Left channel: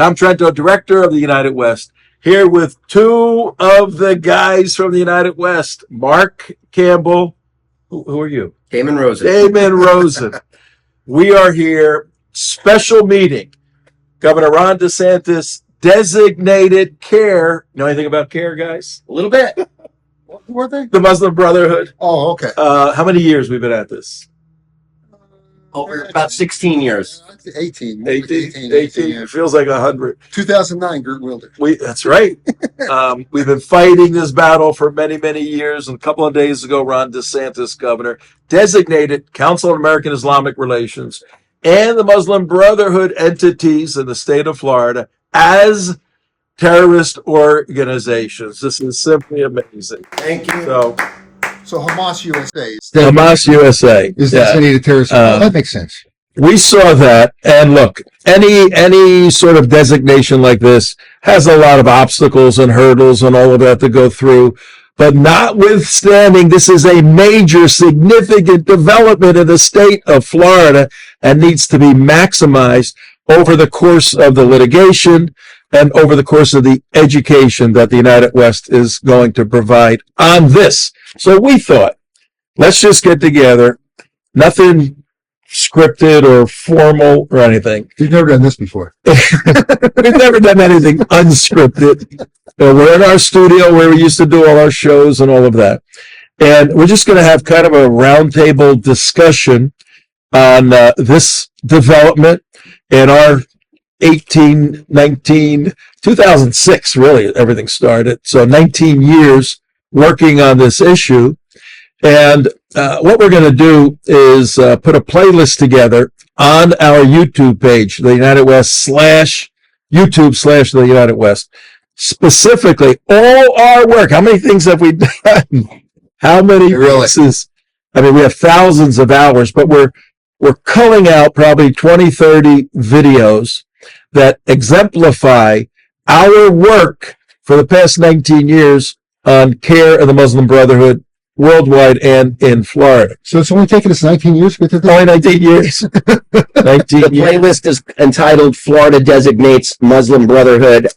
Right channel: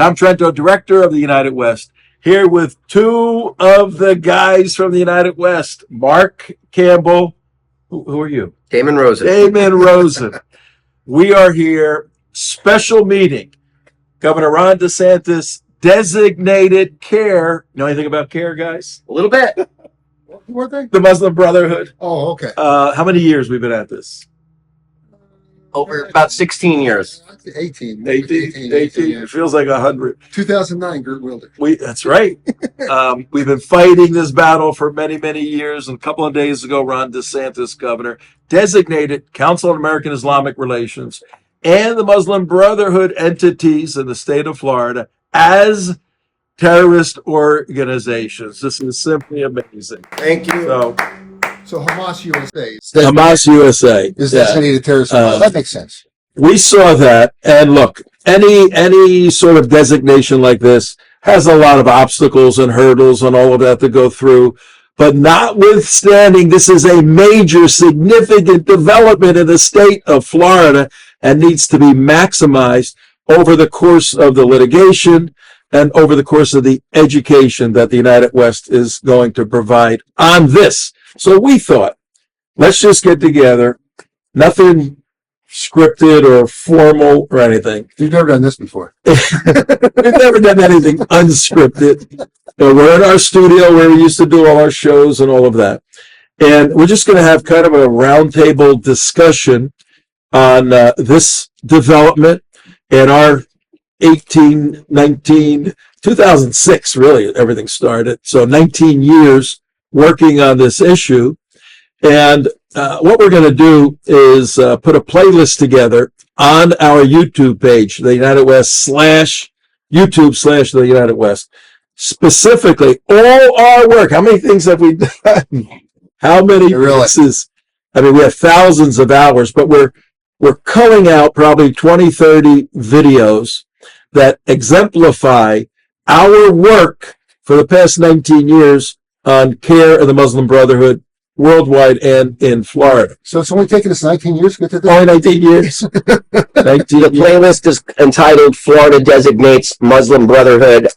Tom Trento, director of the United West, here with two of the guys from the United West, Mark Campbell. Who are you? Damon Rosen. Damon Rosen. We are here, special meeting. Governor Ron DeSantis designated CAIR. Know anything about CAIR, guys? A little bit. What were they? The Muslim Brotherhood. Oh, okay. How many years we've been at this? Over about 16 years. 18. 18. It feels like 100. 2009, Gert Wilder. That's right. We've been fighting this battle for many, many years. And a couple of days ago, Ron DeSantis, governor, designated Council on American Islamic Relations and the Muslim Brotherhood entities in the state of Florida as terrorist organizations. This is simply amazing. Thank you. So Hamas USA. Hamas USA Is designated terrorist. That makes sense. We saw that, and look, any sort of designation like this has a lot of obstacles and hurdles and all of that to go through. But notwithstanding, this is a major, significant development in the state of Florida and needs to be maximized over the course of the litigation and over the course of the education that the United West is going to provide on this. So we thought, let's just get together, nothing scripted or formal or anything. You've never done this before. We've never done anything unscripted. We're in our studio where we used to do all our shows and all of that. And we're just going to have kind of a roundtable discussion on this development and our 2006, really, everything started. So 19 years working on this issue. And what we're going to do is put a playlist together on our YouTube page, the United West /YouTube/ the United West. Specifically, all our work. How many things have we done? How many pieces? I mean, we have thousands of hours, but we're culling out probably 20, 30 videos that exemplify our work for the past 19 years on CAIR and the Muslim Brotherhood worldwide and in Florida. So it's only taken us 19 years to get to this? Only 19 years. 19 The years. playlist is entitled Florida Designates Muslim Brotherhood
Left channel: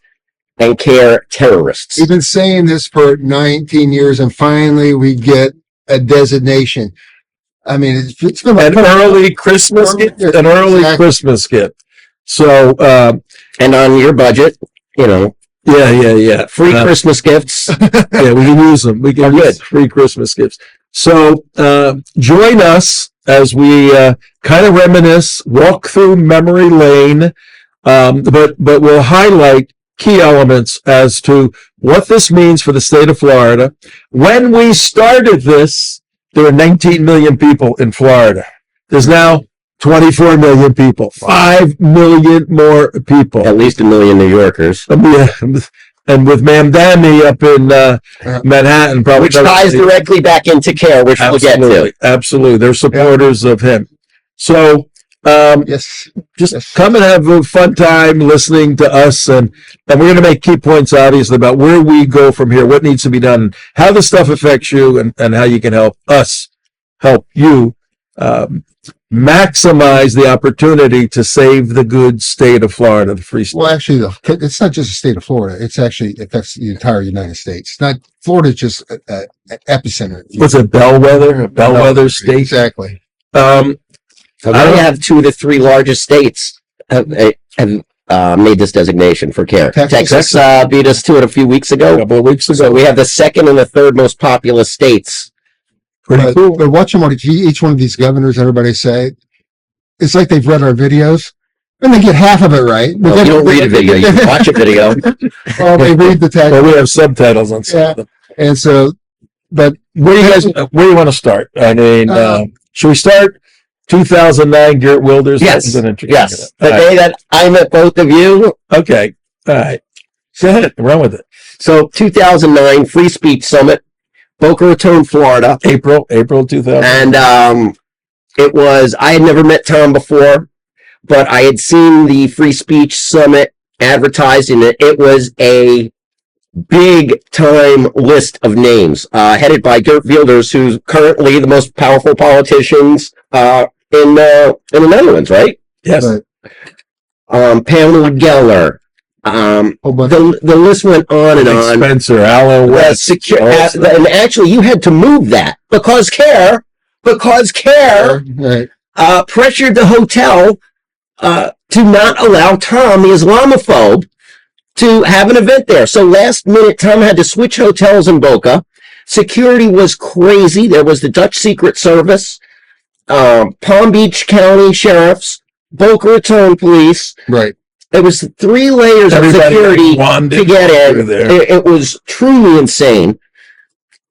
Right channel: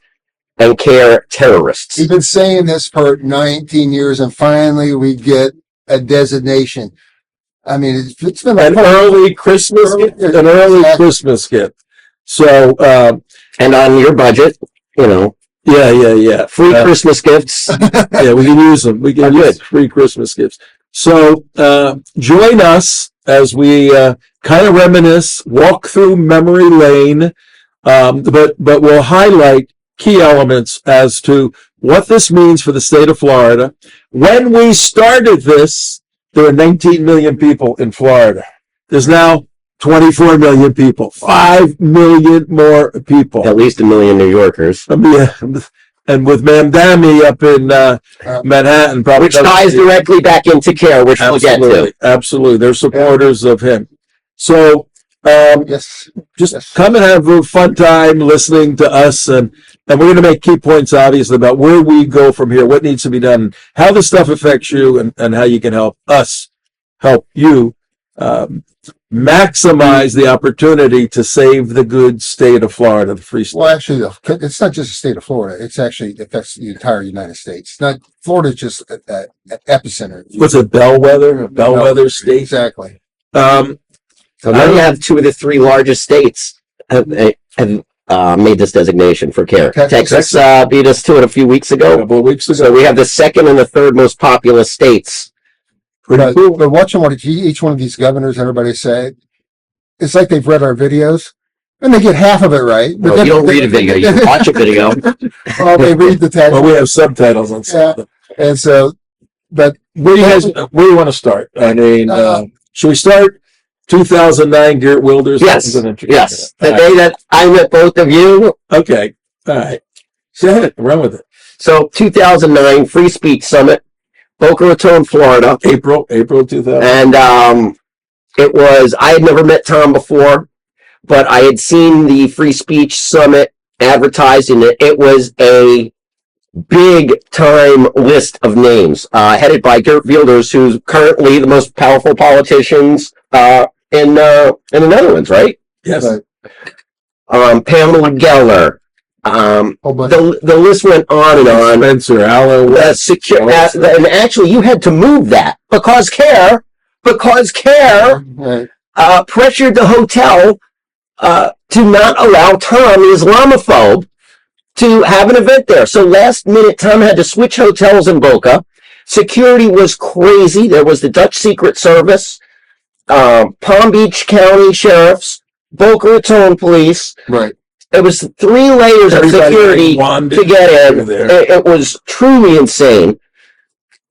and CAIR Terrorists. We've been saying this for 19 years, and finally we get a designation. I mean, it's been An early Christmas gift. An early Exactly. Christmas gift. So, And on your budget, yeah. free Christmas gifts. Yeah, we can use them. We can use free Christmas gifts. So join us as we kind of reminisce, walk through memory lane, but we'll highlight key elements as to what this means for the state of Florida. When we started this, there were 19 million people in Florida. There's now 24 million people, 5 million more people. At least 1 million New Yorkers. And with Mamdani up in Manhattan, probably. Which ties directly back into CAIR, which we'll get to. Absolutely. They're supporters of him. So Yes. just come and have a fun time listening to us. And we're going to make key points, obviously, about where we go from here, what needs to be done, how this stuff affects you, and how you can help us help you maximize the opportunity to save the good state of Florida, the free state. Well, actually, it's not just the state of Florida. It's actually affects the entire United States. It's not Florida's just an epicenter. What's a bellwether? A bellwether state? Exactly. I only have 2 of the 3 largest states have made this designation for CAIR. Texas beat us to it a few weeks A ago. couple of weeks ago. So we have the 2nd and the 3rd most populous states. Pretty cool. But watching what each one of these governors, everybody say, it's like they've read our videos, and they get half of it right. Well, you don't read a video, you watch a video. Well, they read the text. Well, we have subtitles on some of them. And so, but Where do you want to start? I mean, should we start 2009 Geert Wilders? Yes. The day that I met both of you. Okay. All right. Go ahead. Run with it. So 2009 Free Speech Summit, Boca Raton, Florida. April 2000. And it was, I had never met Tom before, but I had seen the Free Speech Summit advertised, and it was a big time list of names, headed by Geert Wilders, who's currently the most powerful politicians in the Netherlands, right? Yes. Right. Pamela Geller, Whole bunch. The list went on and on. Spencer, Allo West. And actually, you had to move that because CAIR Right. pressured the hotel to not allow Tom, an Islamophobe, to have an event there. So last minute, Tom had to switch hotels in Boca. Security was crazy. There was the Dutch Secret Service, Palm Beach County Sheriffs, Boca Raton Police. Right. There was 3 layers of security to get in. It was truly insane.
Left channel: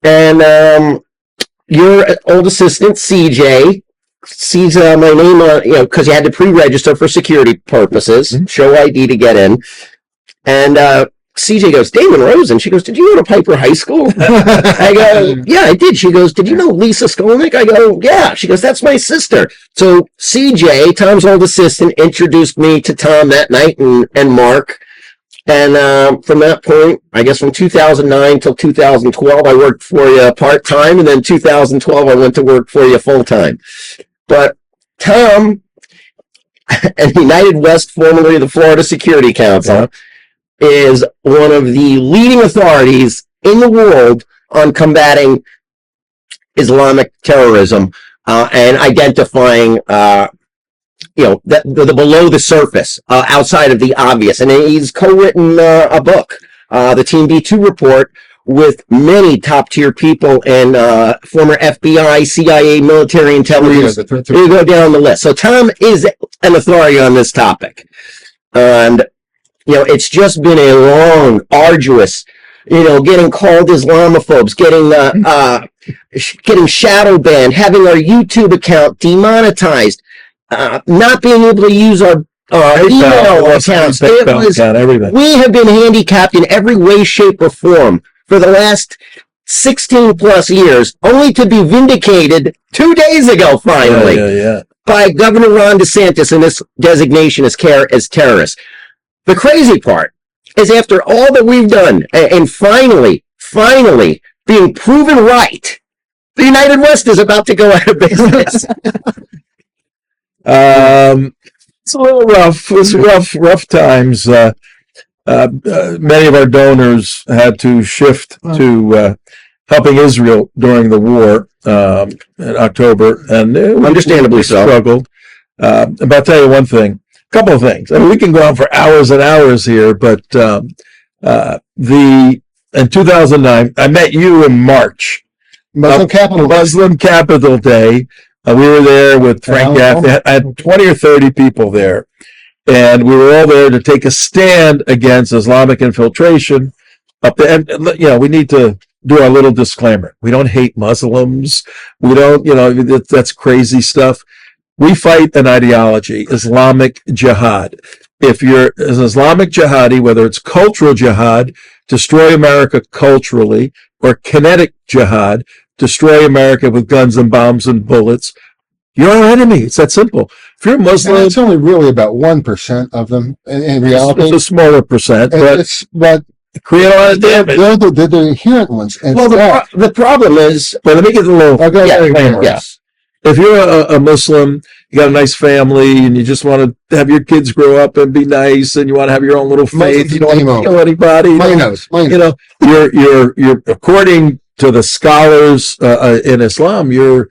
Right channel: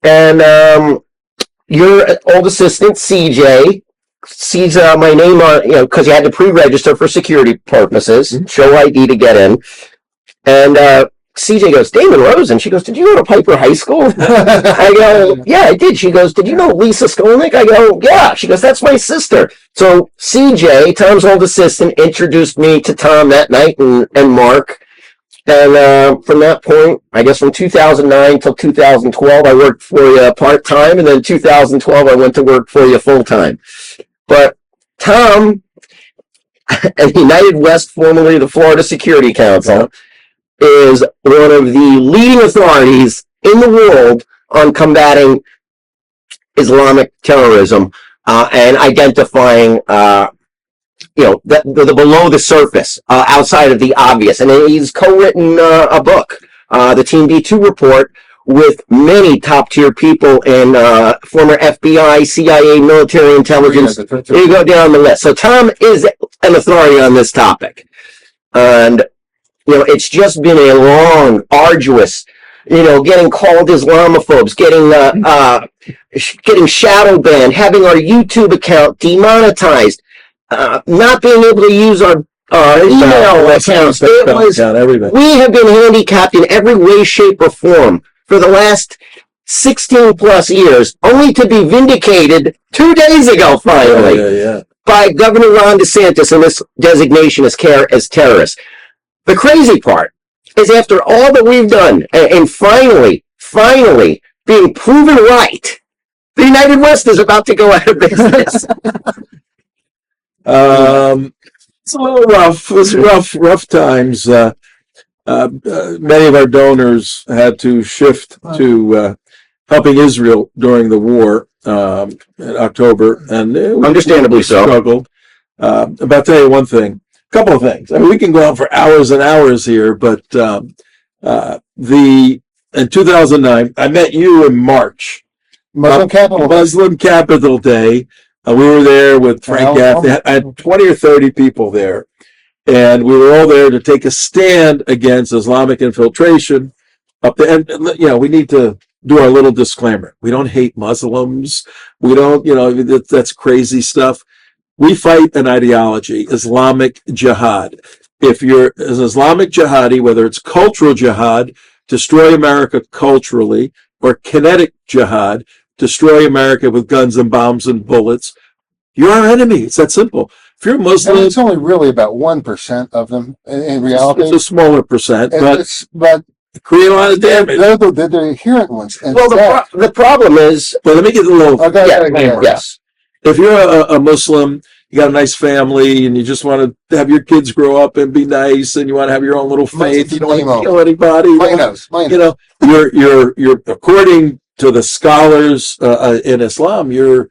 And your old assistant, CJ, sees my name on, because you had to pre-register for security purposes, show ID to get in. And CJ goes, Damon Rosen. She goes, did you go to Piper High School? I go, yeah, I did. She goes, did you know Lisa Skolnick? I go, yeah. She goes, that's my sister. So CJ, Tom's old assistant, introduced me to Tom that night and Mark. And from that point, I guess from 2009 till 2012, I worked for you part-time. And then 2012, I went to work for you full-time. But Tom and United West, formerly the Florida Security Council, is one of the leading authorities in the world on combating Islamic terrorism and identifying, the below the surface, outside of the obvious. And he's co-written a book, the Team B2 report, with many top-tier people in former FBI, CIA, military intelligence. You go down the list. So Tom is an authority on this topic. And it's just been a long, arduous, getting called Islamophobes, getting shadow banned, having our YouTube account demonetized, not being able to use our email accounts. We have been handicapped in every way, shape, or form for the last 16 plus years, only to be vindicated 2 days ago, finally, by Governor Ron DeSantis and this designation as CAIR as terrorists. The crazy part is after all that we've done and finally being proven right, the United West is about to go out of business. It's a little rough. It's rough times. Many of our donors had to shift to helping Israel during the war in October, and understandably so. Struggled. But I'll tell you one thing. Couple of things. I mean, we can go on for hours and hours here, but in 2009, I met you in March. Muslim Capital Day. We were there with Frank Gaffney. I had 20 or 30 people there, and we were all there to take a stand against Islamic infiltration. And we need to do our little disclaimer. We don't hate Muslims. We don't, that's crazy stuff. We fight an ideology, Islamic jihad. If you're an Islamic jihadi, whether it's cultural jihad, destroy America culturally, or kinetic jihad, destroy America with guns and bombs and bullets, you're our enemy. It's that simple. If you're Muslim, and it's only really about 1% of them in reality. It's a smaller percent, but create a lot of damage. They're the inherent ones. Well, the problem is. Wait, let me get a little disclaimer. If you're a Muslim, you got a nice family, and you just want to have your kids grow up and be nice, and you want to have your own little faith, you don't want to kill anybody. You're according to the scholars in Islam, you're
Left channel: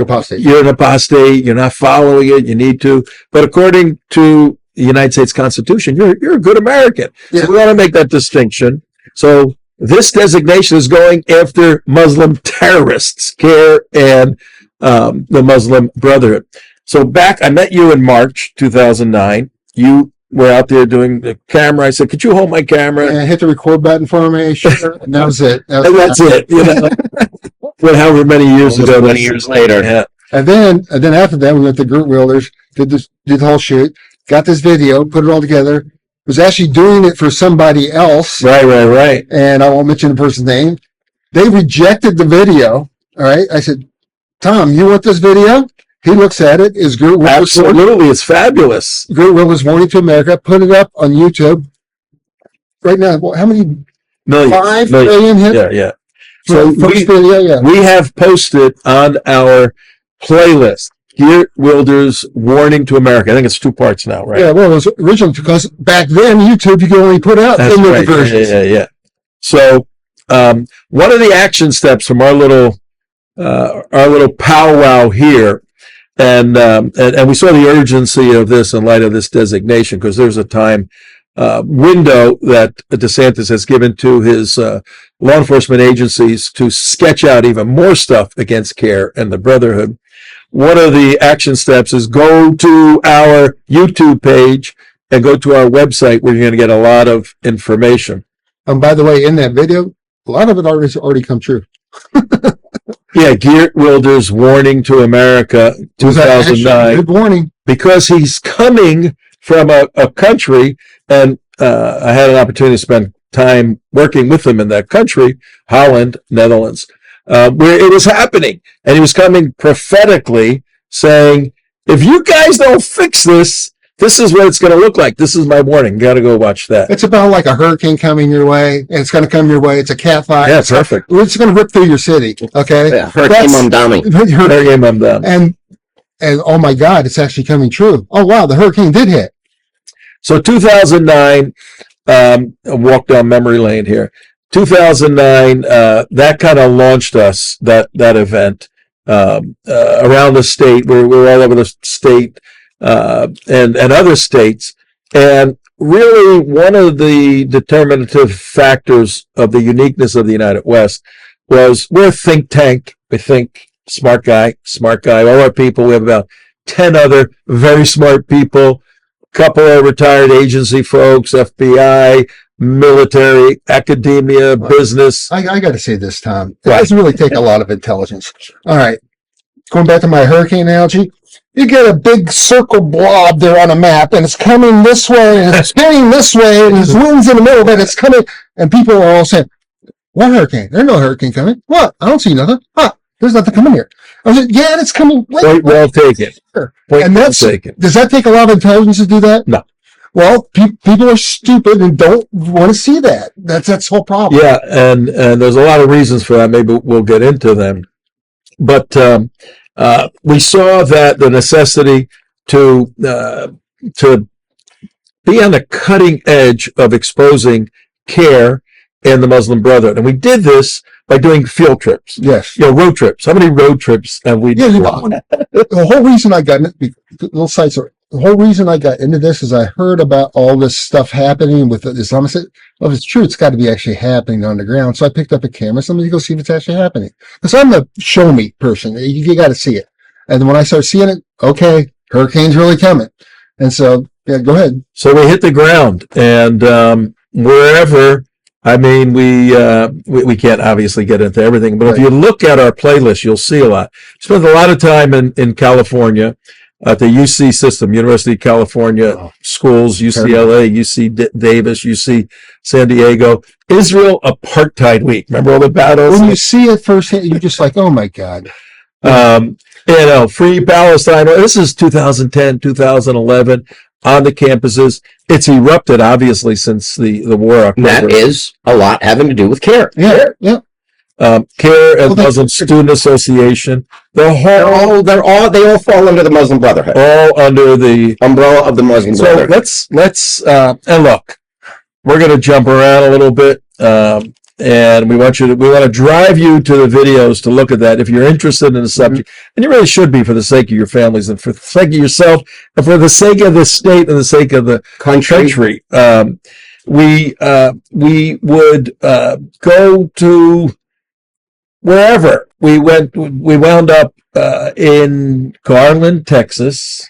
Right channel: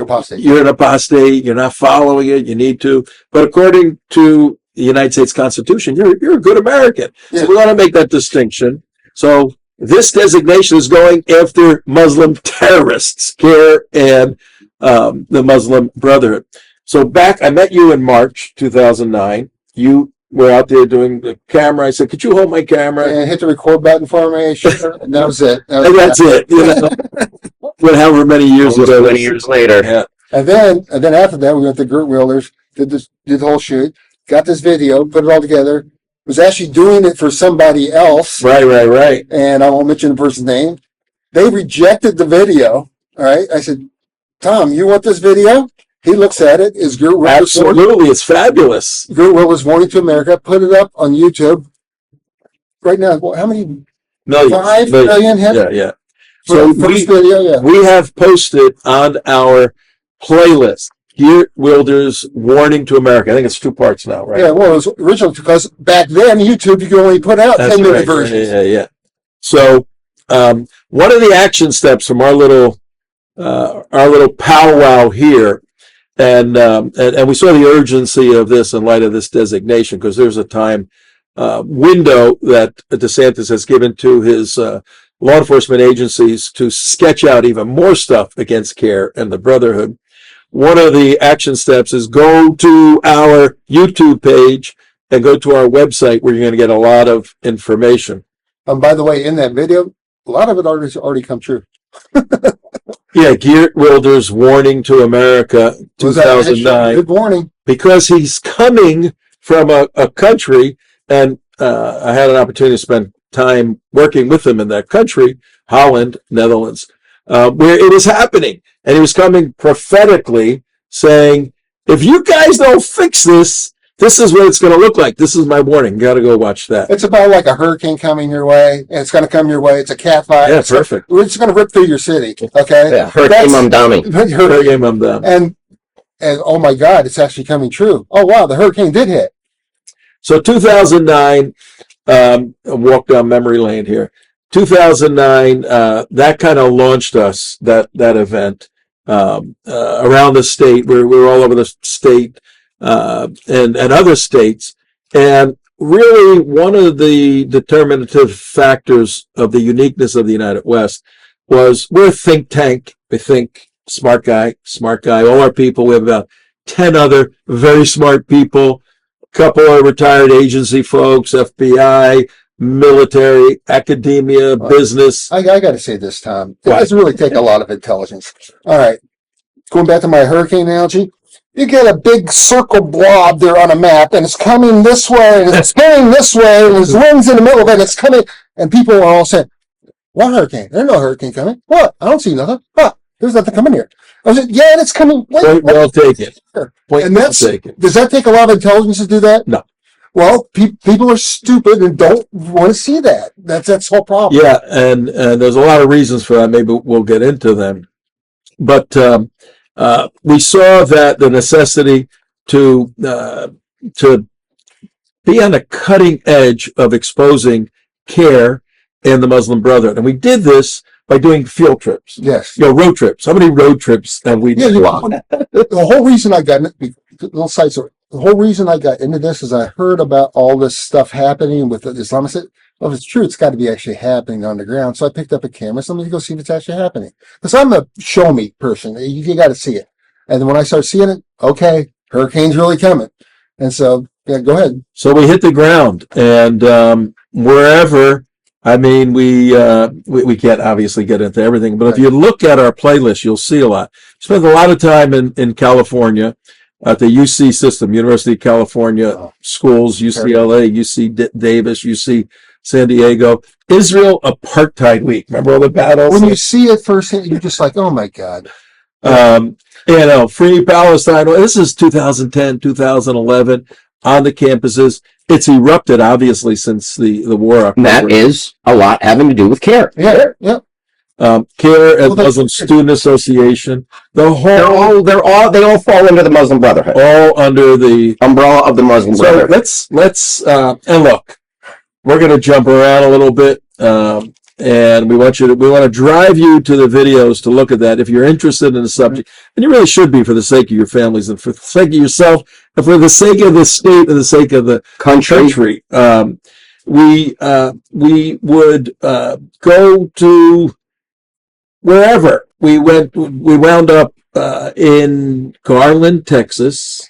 apostate. You're an apostate. You're not following it. You need to. But according to the United States Constitution, you're a good American. Yeah. So we want to make that distinction. So this designation is going after Muslim terrorists, CAIR and the Muslim Brotherhood. So I met you in March 2009. You were out there doing the camera. I said, could you hold my camera? Yeah, hit the record button for me. And that was it. That's it. Well, however many years ago. Many years later. Yeah. And then after that, we went to Group Wheelers, did the whole shoot, got this video, put it all together. Was actually doing it for somebody else. Right. And I won't mention the person's name. They rejected the video. All right. I said, Tom, you want this video? He looks at it. Is Group Wheelers? Absolutely. It's fabulous. Group Wheelers Warning to America. Put it up on YouTube. Right now, how many? Millions. 5 million hits? Yeah. So we have posted on our playlist Geert Wilder's Warning to America. I think it's 2 parts now, right? Yeah, well, it was originally because back then YouTube you could only put out That's 10 right. versions. Yeah. So one of the action steps from our little powwow here, and we saw the urgency of this in light of this designation, because there's a time window that DeSantis has given to his law enforcement agencies to sketch out even more stuff against CAIR and the Brotherhood. One of the action steps is go to our YouTube page and go to our website, where you're going to get a lot of information. By the way, in that video, a lot of it already come true. Yeah, Geert Wilder's Warning to America, 2009. Good warning. Because he's coming from a country, and I had an opportunity to spend time working with him in that country, Holland, Netherlands, where it was happening. And he was coming prophetically saying, if you guys don't fix this, this is what it's going to look like. This is my warning. Got to go watch that. It's about like a hurricane coming your way, and it's going to come your way. It's a cat fight. Yeah, perfect. It's going to rip through your city. Okay. Yeah, Hurricane Mamdani. Hurricane Mamdani. And oh my God, it's actually coming true. Oh wow, the hurricane did hit. So 2009, I walked down memory lane here. 2009, that kind of launched us, that event, around the state. We were all over the state, and other states. And really, one of the determinative factors of the uniqueness of the United West was we're a think tank. We think smart guy. All our people, we have about 10 other very smart people. A couple of retired agency folks, FBI, military, academia, business. I got to say this, Tom. It doesn't really take a lot of intelligence. All right. Going back to my hurricane analogy, you get a big circle blob there on a map, and it's coming this way, and it's spinning this way, and there's winds in the middle of it, it's coming, and people are all saying, what hurricane? There's no hurricane coming. What? I don't see nothing. Huh, there's nothing coming here. I said, yeah, it's coming. Point well taken. And does that take a lot of intelligence to do that? No. Well, people are stupid and don't want to see that. That's the whole problem. Yeah, and there's a lot of reasons for that. Maybe we'll get into them. But we saw that the necessity to be on the cutting edge of exposing CAIR and the Muslim Brotherhood, and we did this by doing field trips. Yes. Road trips. How many road trips have we done? The whole reason I got little side story. The whole reason I got into this is I heard about all this stuff happening with the Islamists. Well, if it's true, it's got to be actually happening on the ground. So I picked up a camera. So I'm going to go see if it's actually happening. Because I'm a show me person. You got to see it. And when I start seeing it, okay, hurricane's really coming. And so, yeah, go ahead. So we hit the ground, and wherever. I mean, we can't obviously get into everything, but if you look at our playlist, you'll see a lot. Spent a lot of time in California at the UC system, University of California schools, UCLA, UC Davis, UC San Diego. Israel Apartheid Week. Remember all the battles? When you see it firsthand, you're just like, oh my God. Free Palestine. This is 2010, 2011 on the campuses. It's erupted, obviously, since the war. That is a lot having to do with CAIR. Yeah. CAIR and Muslim Student Association. They all fall under the Muslim Brotherhood. All under the umbrella of the Muslim Brotherhood. So let's and look, we're going to jump around a little bit, and we want to drive you to the videos to look at that if you're interested in the subject, and you really should be, for the sake of your families and for the sake of yourself and for the sake of the state and the sake of the country. We would go to wherever we went. We wound up in Garland, Texas.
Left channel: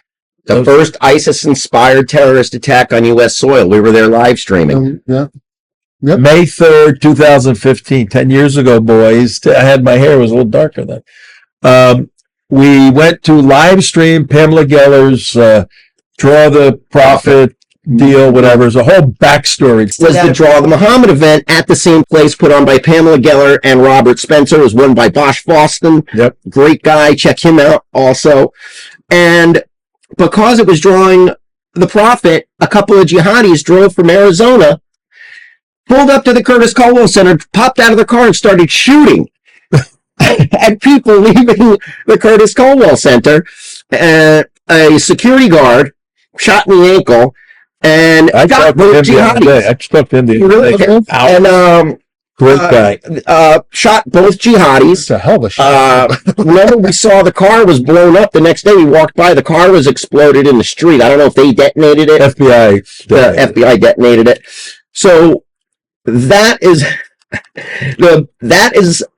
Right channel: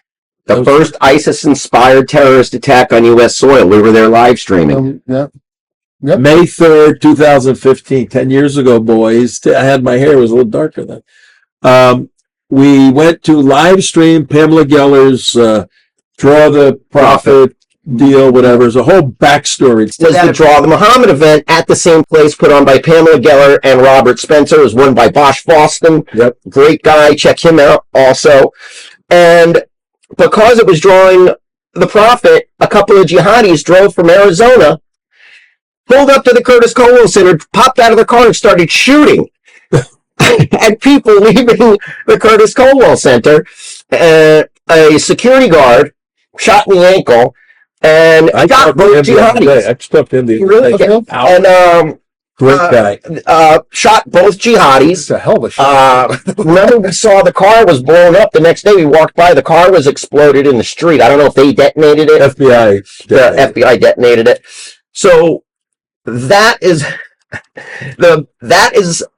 The first ISIS-inspired terrorist attack on U.S. soil. We were there live streaming. Yep. May 3rd, 2015, 10 years ago, boys. I had my hair, it was a little darker then. We went to live stream Pamela Geller's Draw the Prophet deal, whatever. There's a whole backstory. It was the Draw the Mohammad event at the same place, put on by Pamela Geller and Robert Spencer. It was won by Bosch Boston. Yep. Great guy. Check him out also. And because it was drawing the Prophet, a couple of jihadis drove from Arizona, pulled up to the Curtis Colwell Center, popped out of the car and started shooting at people leaving the Curtis Colwell Center. and a security guard shot in the ankle and I got talked to both him the other day. I jihadis. talked to him the other day. And Great guy. shot both jihadis. It's a hell of a shot. Remember, we saw the car was blown up the next day. We walked by, the car was exploded in the street. I don't know if they detonated it. FBI. The FBI detonated it. So that is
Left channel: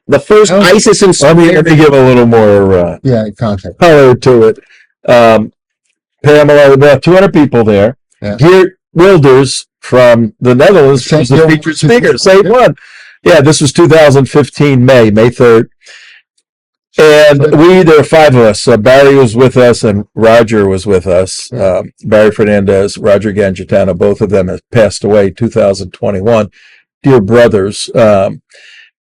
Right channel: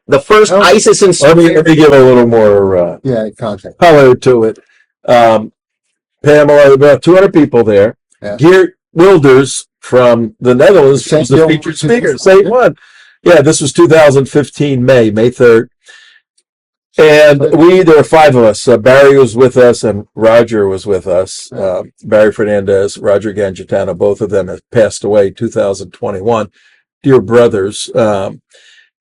the first ISIS Let me insurgent. give a little more Yeah, contact. color to it. Pamela, about 200 people there. Yeah. Geert Wilders from the Netherlands was the Geert featured Wilders. speaker. Same one. Yeah, this was 2015, May 3rd. And there were 5 of us. Barry was with us and Roger was with us. Barry Fernandez, Roger Gangitano, both of them have passed away 2021. Dear brothers. And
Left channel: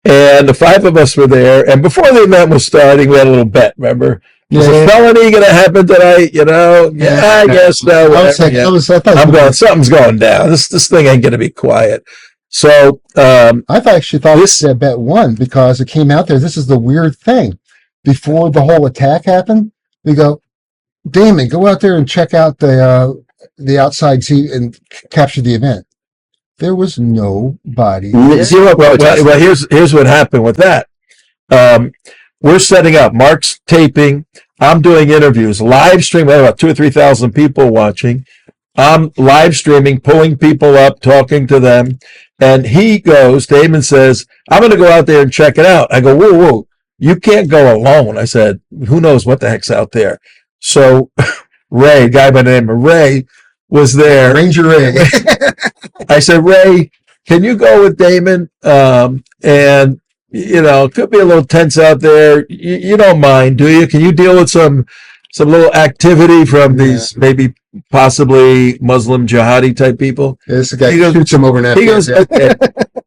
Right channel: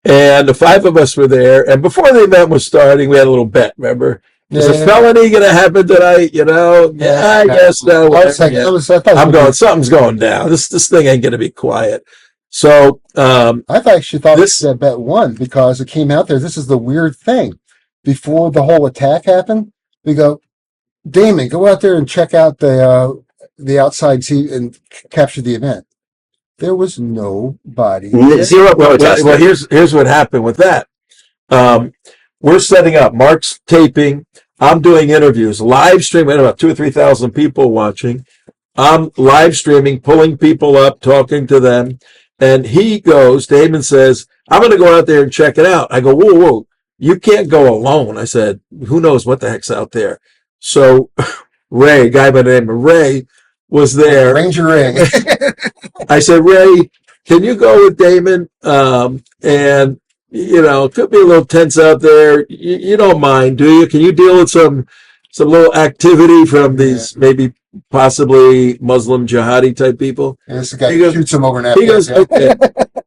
the 5 of us were there. And before the event was starting, we had a little bet, remember? Is a felony going to happen tonight? You know? Yeah, I guess no. I'm going, something's going down. This thing ain't going to be quiet. So, I've actually thought that bet won because it came out there. This is the weird thing. Before the whole attack happened, we go, Damon, go out there and check out the outside and capture the event. There was nobody. Zero protest. Well, here's what happened with that. We're setting up. Mark's taping. I'm doing interviews, live streaming. We had about 2,000 or 3,000 people watching. I'm live streaming, pulling people up, talking to them. And Damon says, I'm going to go out there and check it out. I go, whoa, you can't go alone. I said, who knows what the heck's out there? So Ray, a guy by the name of Ray, was there. Ranger Ray. I said, Ray, can you go with Damon? And it could be a little tense out there. You don't mind, do you? Can you deal with some little activity from these maybe possibly Muslim jihadi type people? Yeah, this guy shoots him over an He goes, okay.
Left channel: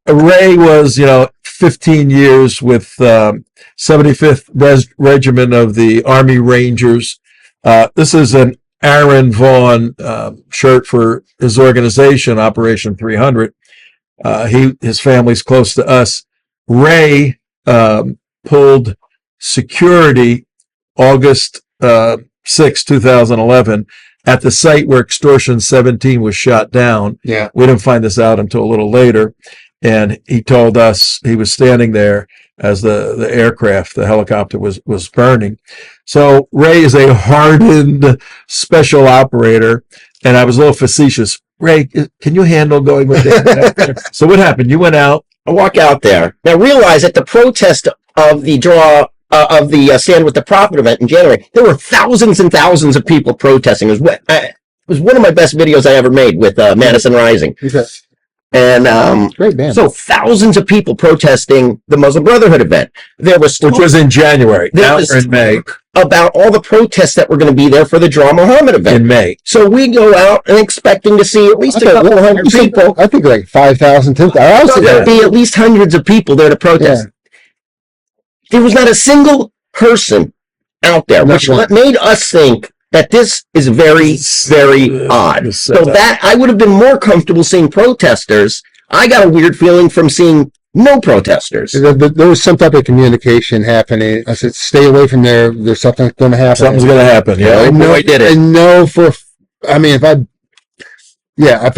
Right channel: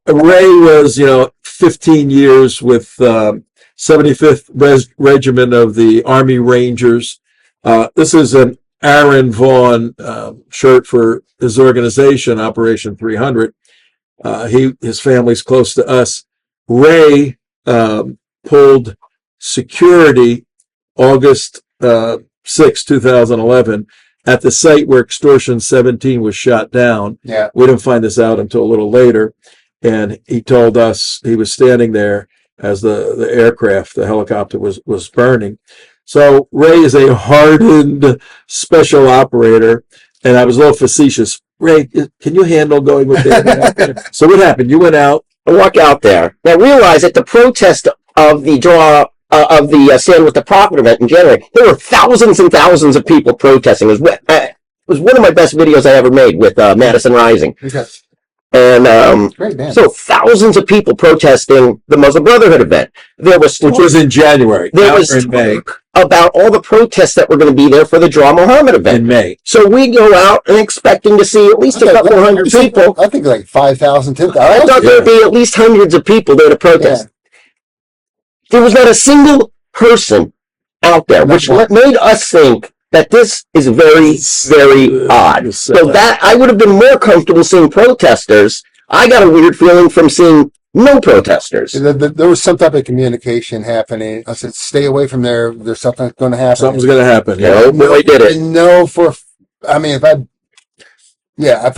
Ray was, 15 years with 75th Regiment of the Army Rangers. This is an Aaron Vaughn shirt for his organization, Operation 300. His family's close to us. Ray pulled security August 6, 2011 at the site where Extortion 17 was shot down. Yeah. We didn't find this out until a little later. And he told us he was standing there as the aircraft, the helicopter was burning. So Ray is a hardened special operator. And I was a little facetious. Ray, can you handle going with that? So what happened? You went out. I walk out there. Now realize that the protest of the Stand with the Prophet event in January, there were thousands and thousands of people protesting. It was one of my best videos I ever made with Madison Rising. Okay. And Great band. so thousands of people protesting the Muslim Brotherhood event. There was Which was in January. There was in May. About all the protests that were going to be there for the Draw Mohammad event. In May. So we go out and expecting to see at least a couple hundred people. I think like 5,000, 10,000. I thought there'd be at least hundreds of people there to protest. Yeah. There was not a single person out there, which made us think that this is very, very odd. So that I would have been more comfortable seeing protesters. I got a weird feeling from seeing no protesters. There was some type of communication happening. I said, stay away from there. There's something going to happen. Something's going to happen. Yeah. I know if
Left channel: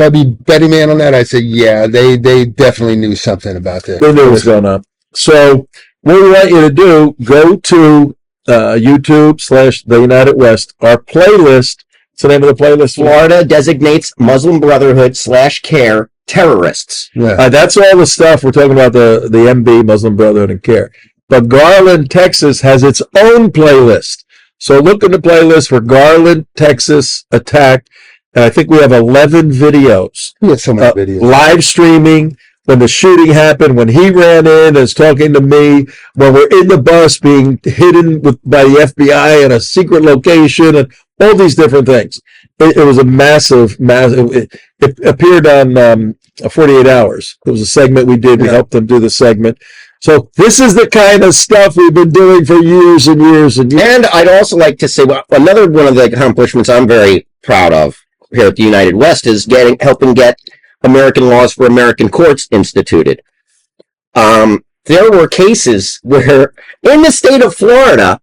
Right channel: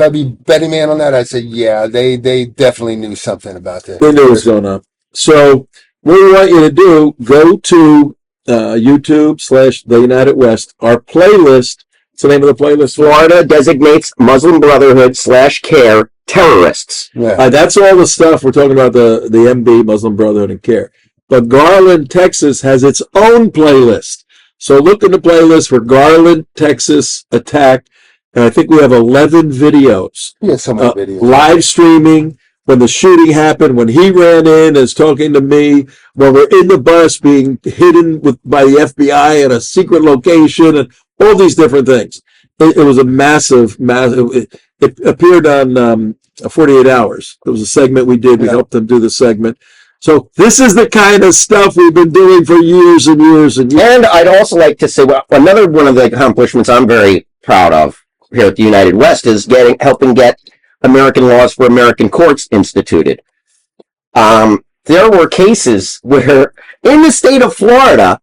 I'd be betting man on that, I'd say, yeah, they definitely knew something about that. They knew it was going up. So what we want you to do, go to YouTube/The United West, our playlist. What's the name of the playlist? Florida designates Muslim Brotherhood /CAIR terrorists. Yeah. That's all the stuff we're talking about, the MB, Muslim Brotherhood and CAIR. But Garland, Texas has its own playlist. So look in the playlist for Garland, Texas attack. And I think we have 11 videos. Yeah, so many videos. Live streaming. When the shooting happened, when he ran in and is talking to me, when we're in the bus being hidden by the FBI in a secret location, and all these different things. It was a massive. It appeared on 48 Hours. It was a segment we did. We helped them do the segment. So this is the kind of stuff we've been doing for years and years and years. And I'd also like to say, another one of the accomplishments I'm very proud of here at the United West is helping get American laws for American courts instituted. There were cases where in the state of Florida,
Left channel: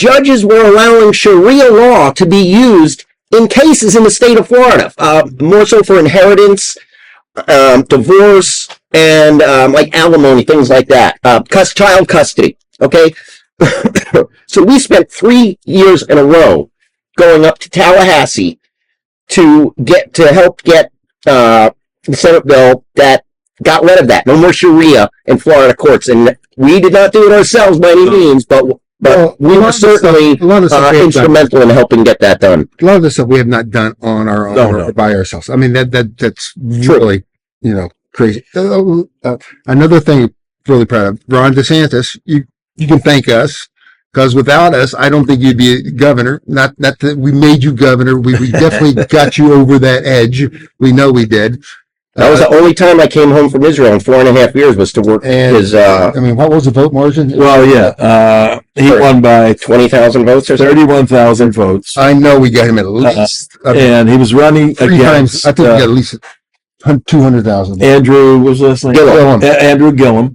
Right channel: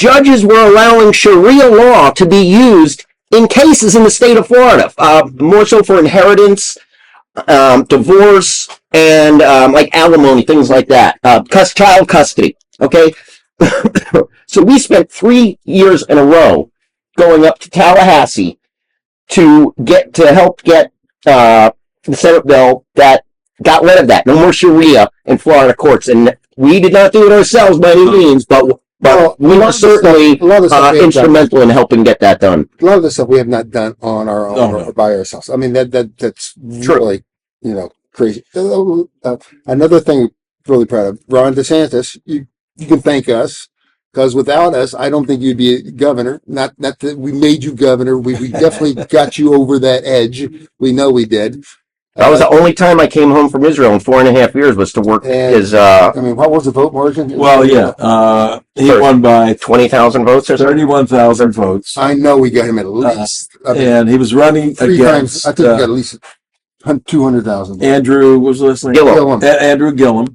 judges were allowing Sharia law to be used in cases in the state of Florida, more so for inheritance, divorce, and like alimony, things like that, child custody. Okay, so we spent 3 years in a row going up to Tallahassee to help get the Senate bill that got rid of that. No more Sharia in Florida courts, and we did not do it ourselves by any means, but we were certainly instrumental in helping get that done. A lot of this stuff we have not done on our own or by ourselves. I mean, that's really, crazy. Another thing, really proud of, Ron DeSantis, you can thank us, because without us, I don't think you'd be governor. Not that we made you governor. We definitely got you over that edge. We know we did. That was the only time I came home from Israel in 4.5 years was to work his. I mean, what was the vote margin? Well, yeah, he won by 20,000 votes or 31,000 votes. I know we got him at least. And he was running against. I think we got at least 200,000. Andrew was his name? Andrew Gillum.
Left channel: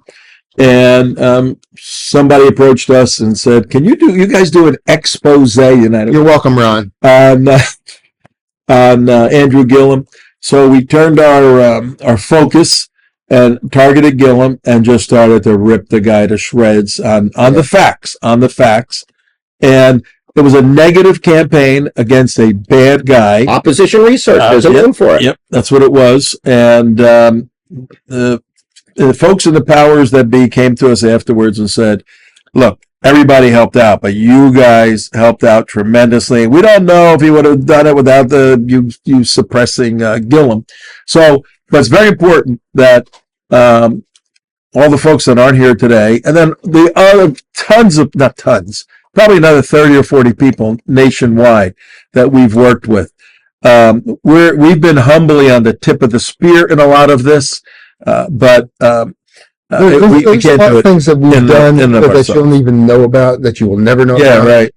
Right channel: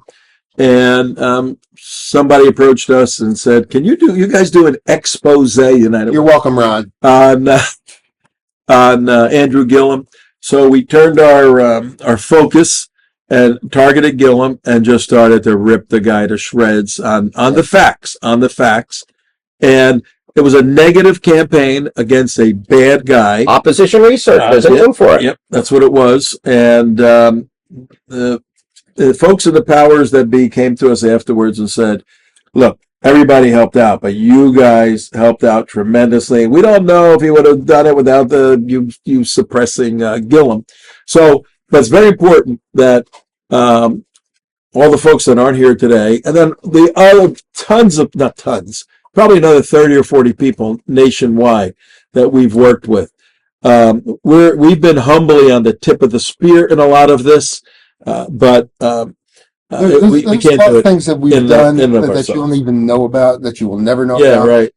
And somebody approached us and said, "Can you guys do an expose?" United. You're welcome, Ron. On Andrew Gillum. So we turned our focus and targeted Gillum and just started to rip the guy to shreds on the facts. And it was a negative campaign against a bad guy. Opposition research. There's a name for it. Yep, that's what it was. And the folks in the powers that be came to us afterwards and said, "Look, everybody helped out, but you guys helped out tremendously. We don't know if he would have done it without you suppressing Gillum." So, but it's very important that all the folks that aren't here today, and then the other probably another 30 or 40 people nationwide that we've worked with. We've been humbly on the tip of the spear in a lot of this, but we can't do it. Things that we've done that you don't even know about, that you will never know about. Right.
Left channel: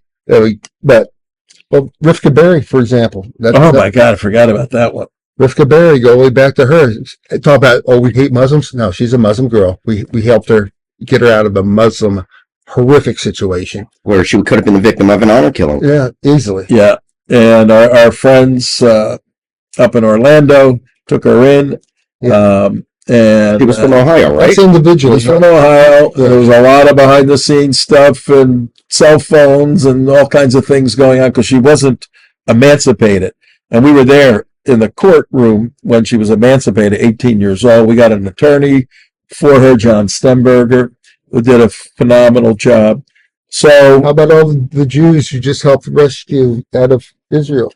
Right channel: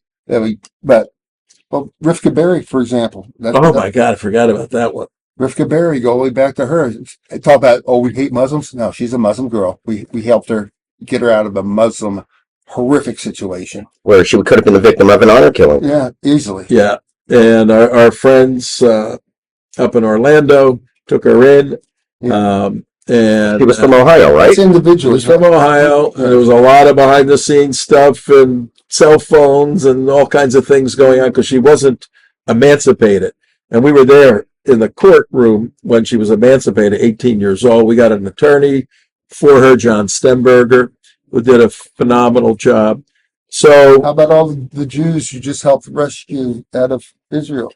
Well, Rivka Berry, for example. My God, I forgot about that one. Rivka Berry, go way back to her. Talk about, we hate Muslims. No, she's a Muslim girl. We helped her get her out of a Muslim horrific situation where she could have been the victim of an honor killing. Yeah, easily. Yeah, and our friends up in Orlando took her in. Yeah. And he was from Ohio, right? That's individual. He was from Ohio. There was a lot of behind-the-scenes stuff and cell phones and all kinds of things going on because she wasn't emancipated. And we were there in the courtroom when she was emancipated, 18 years old. We got an attorney for her, John Stenberger, who did a phenomenal job. So, how about all the Jews you just helped rescue out of Israel?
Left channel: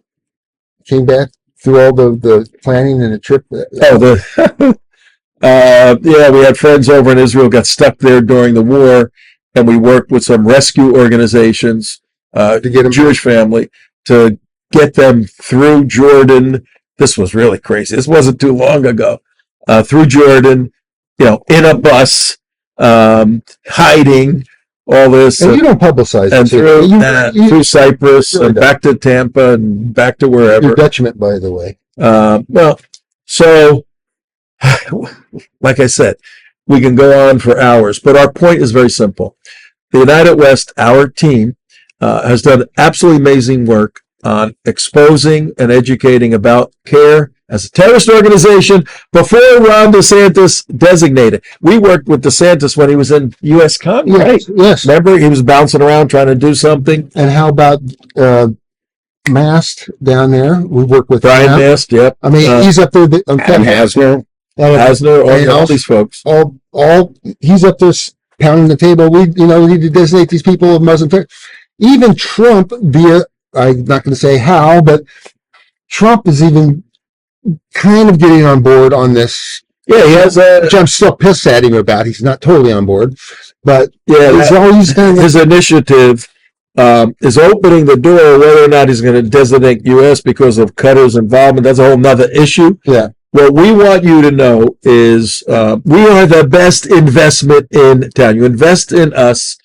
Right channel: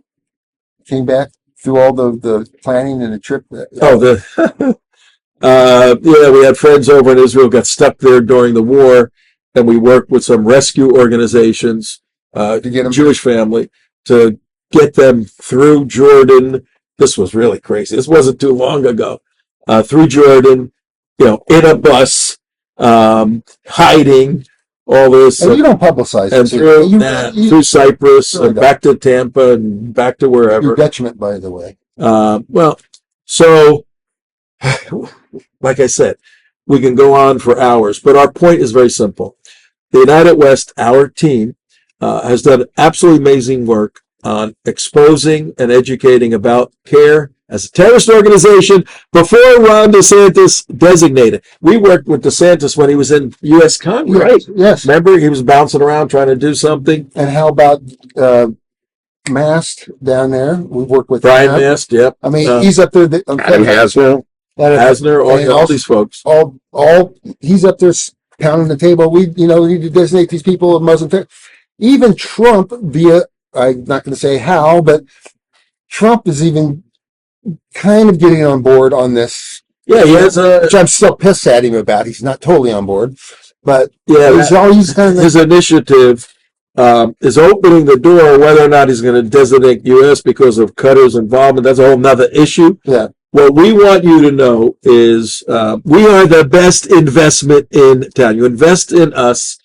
Came back through all the planning and the trip. We had friends over in Israel, got stuck there during the war, and we worked with some rescue organizations, to get a Jewish family, to get them through Jordan. This was really crazy. This wasn't too long ago. Through Jordan, in a bus, hiding, all this. And you don't publicize and it. Through Cyprus and back to Tampa and back to wherever. Your detriment, by the way. So, like I said, we can go on for hours, but our point is very simple. The United West, our team, has done absolutely amazing work on exposing and educating about CAIR as a terrorist organization before Ron DeSantis designated. We worked with DeSantis when he was in U.S. Congress. Right. Yes. Remember, he was bouncing around trying to do something. And how about Mast down there? We work with Brian Mast. Yep. I mean, he's up there. Adam Hasner, all these folks. He's up there pounding the table. We need to designate these people of Muslim terror. Even Trump, I'm not going to say how, but Trump is even kind of getting on board on this. Yeah, he has which I'm still pissed at him about. He's not totally on board, but his initiative is opening the door. Whether or not he's going to designate U.S. because of Qatar's involvement, that's a whole nother issue. Yeah. What we want you to know is we are the best investment in town. You invest in us.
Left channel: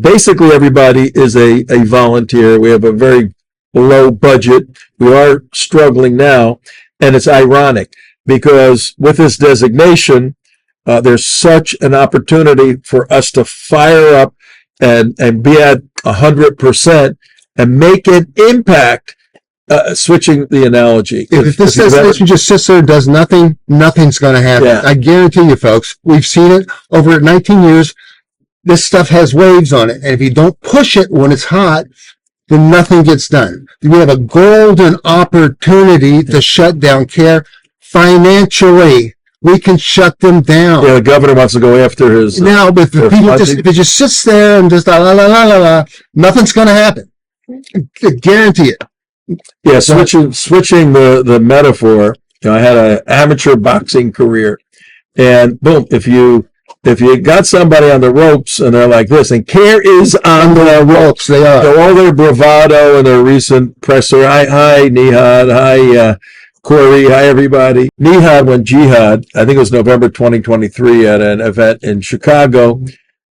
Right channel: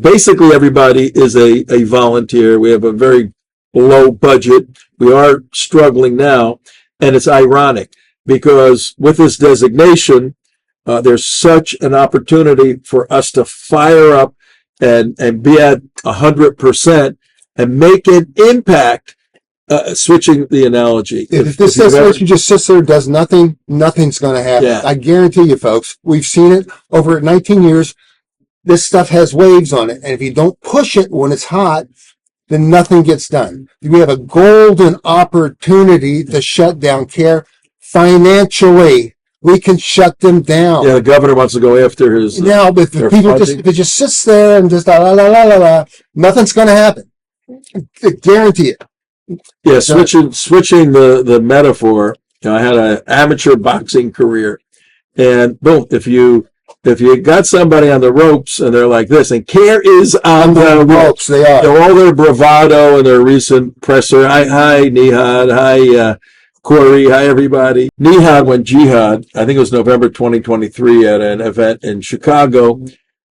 Basically, everybody is a volunteer. We have a very low budget. We are struggling now, and it's ironic because with this designation, there's such an opportunity for us to fire up and be at 100% and make an impact. Switching the analogy. If this situation just sits there and does nothing, nothing's going to happen. Yeah. I guarantee you, folks, we've seen it over 19 years. This stuff has waves on it. And if you don't push it when it's hot, then nothing gets done. We have a golden opportunity to shut down CAIR financially. We can shut them down. Yeah, the governor wants to go after his. Now, if it just sits there and just nothing's going to happen. I guarantee it. Yeah, switching the metaphor. I had an amateur boxing career, and boom, if you got somebody on the ropes and they're like this, and CAIR is on the ropes. They are. All their bravado and their recent presser. Hi, Nihad. Hi, Corey. Hi, everybody. Nihad went jihad. I think it was November 2023 at an event in Chicago,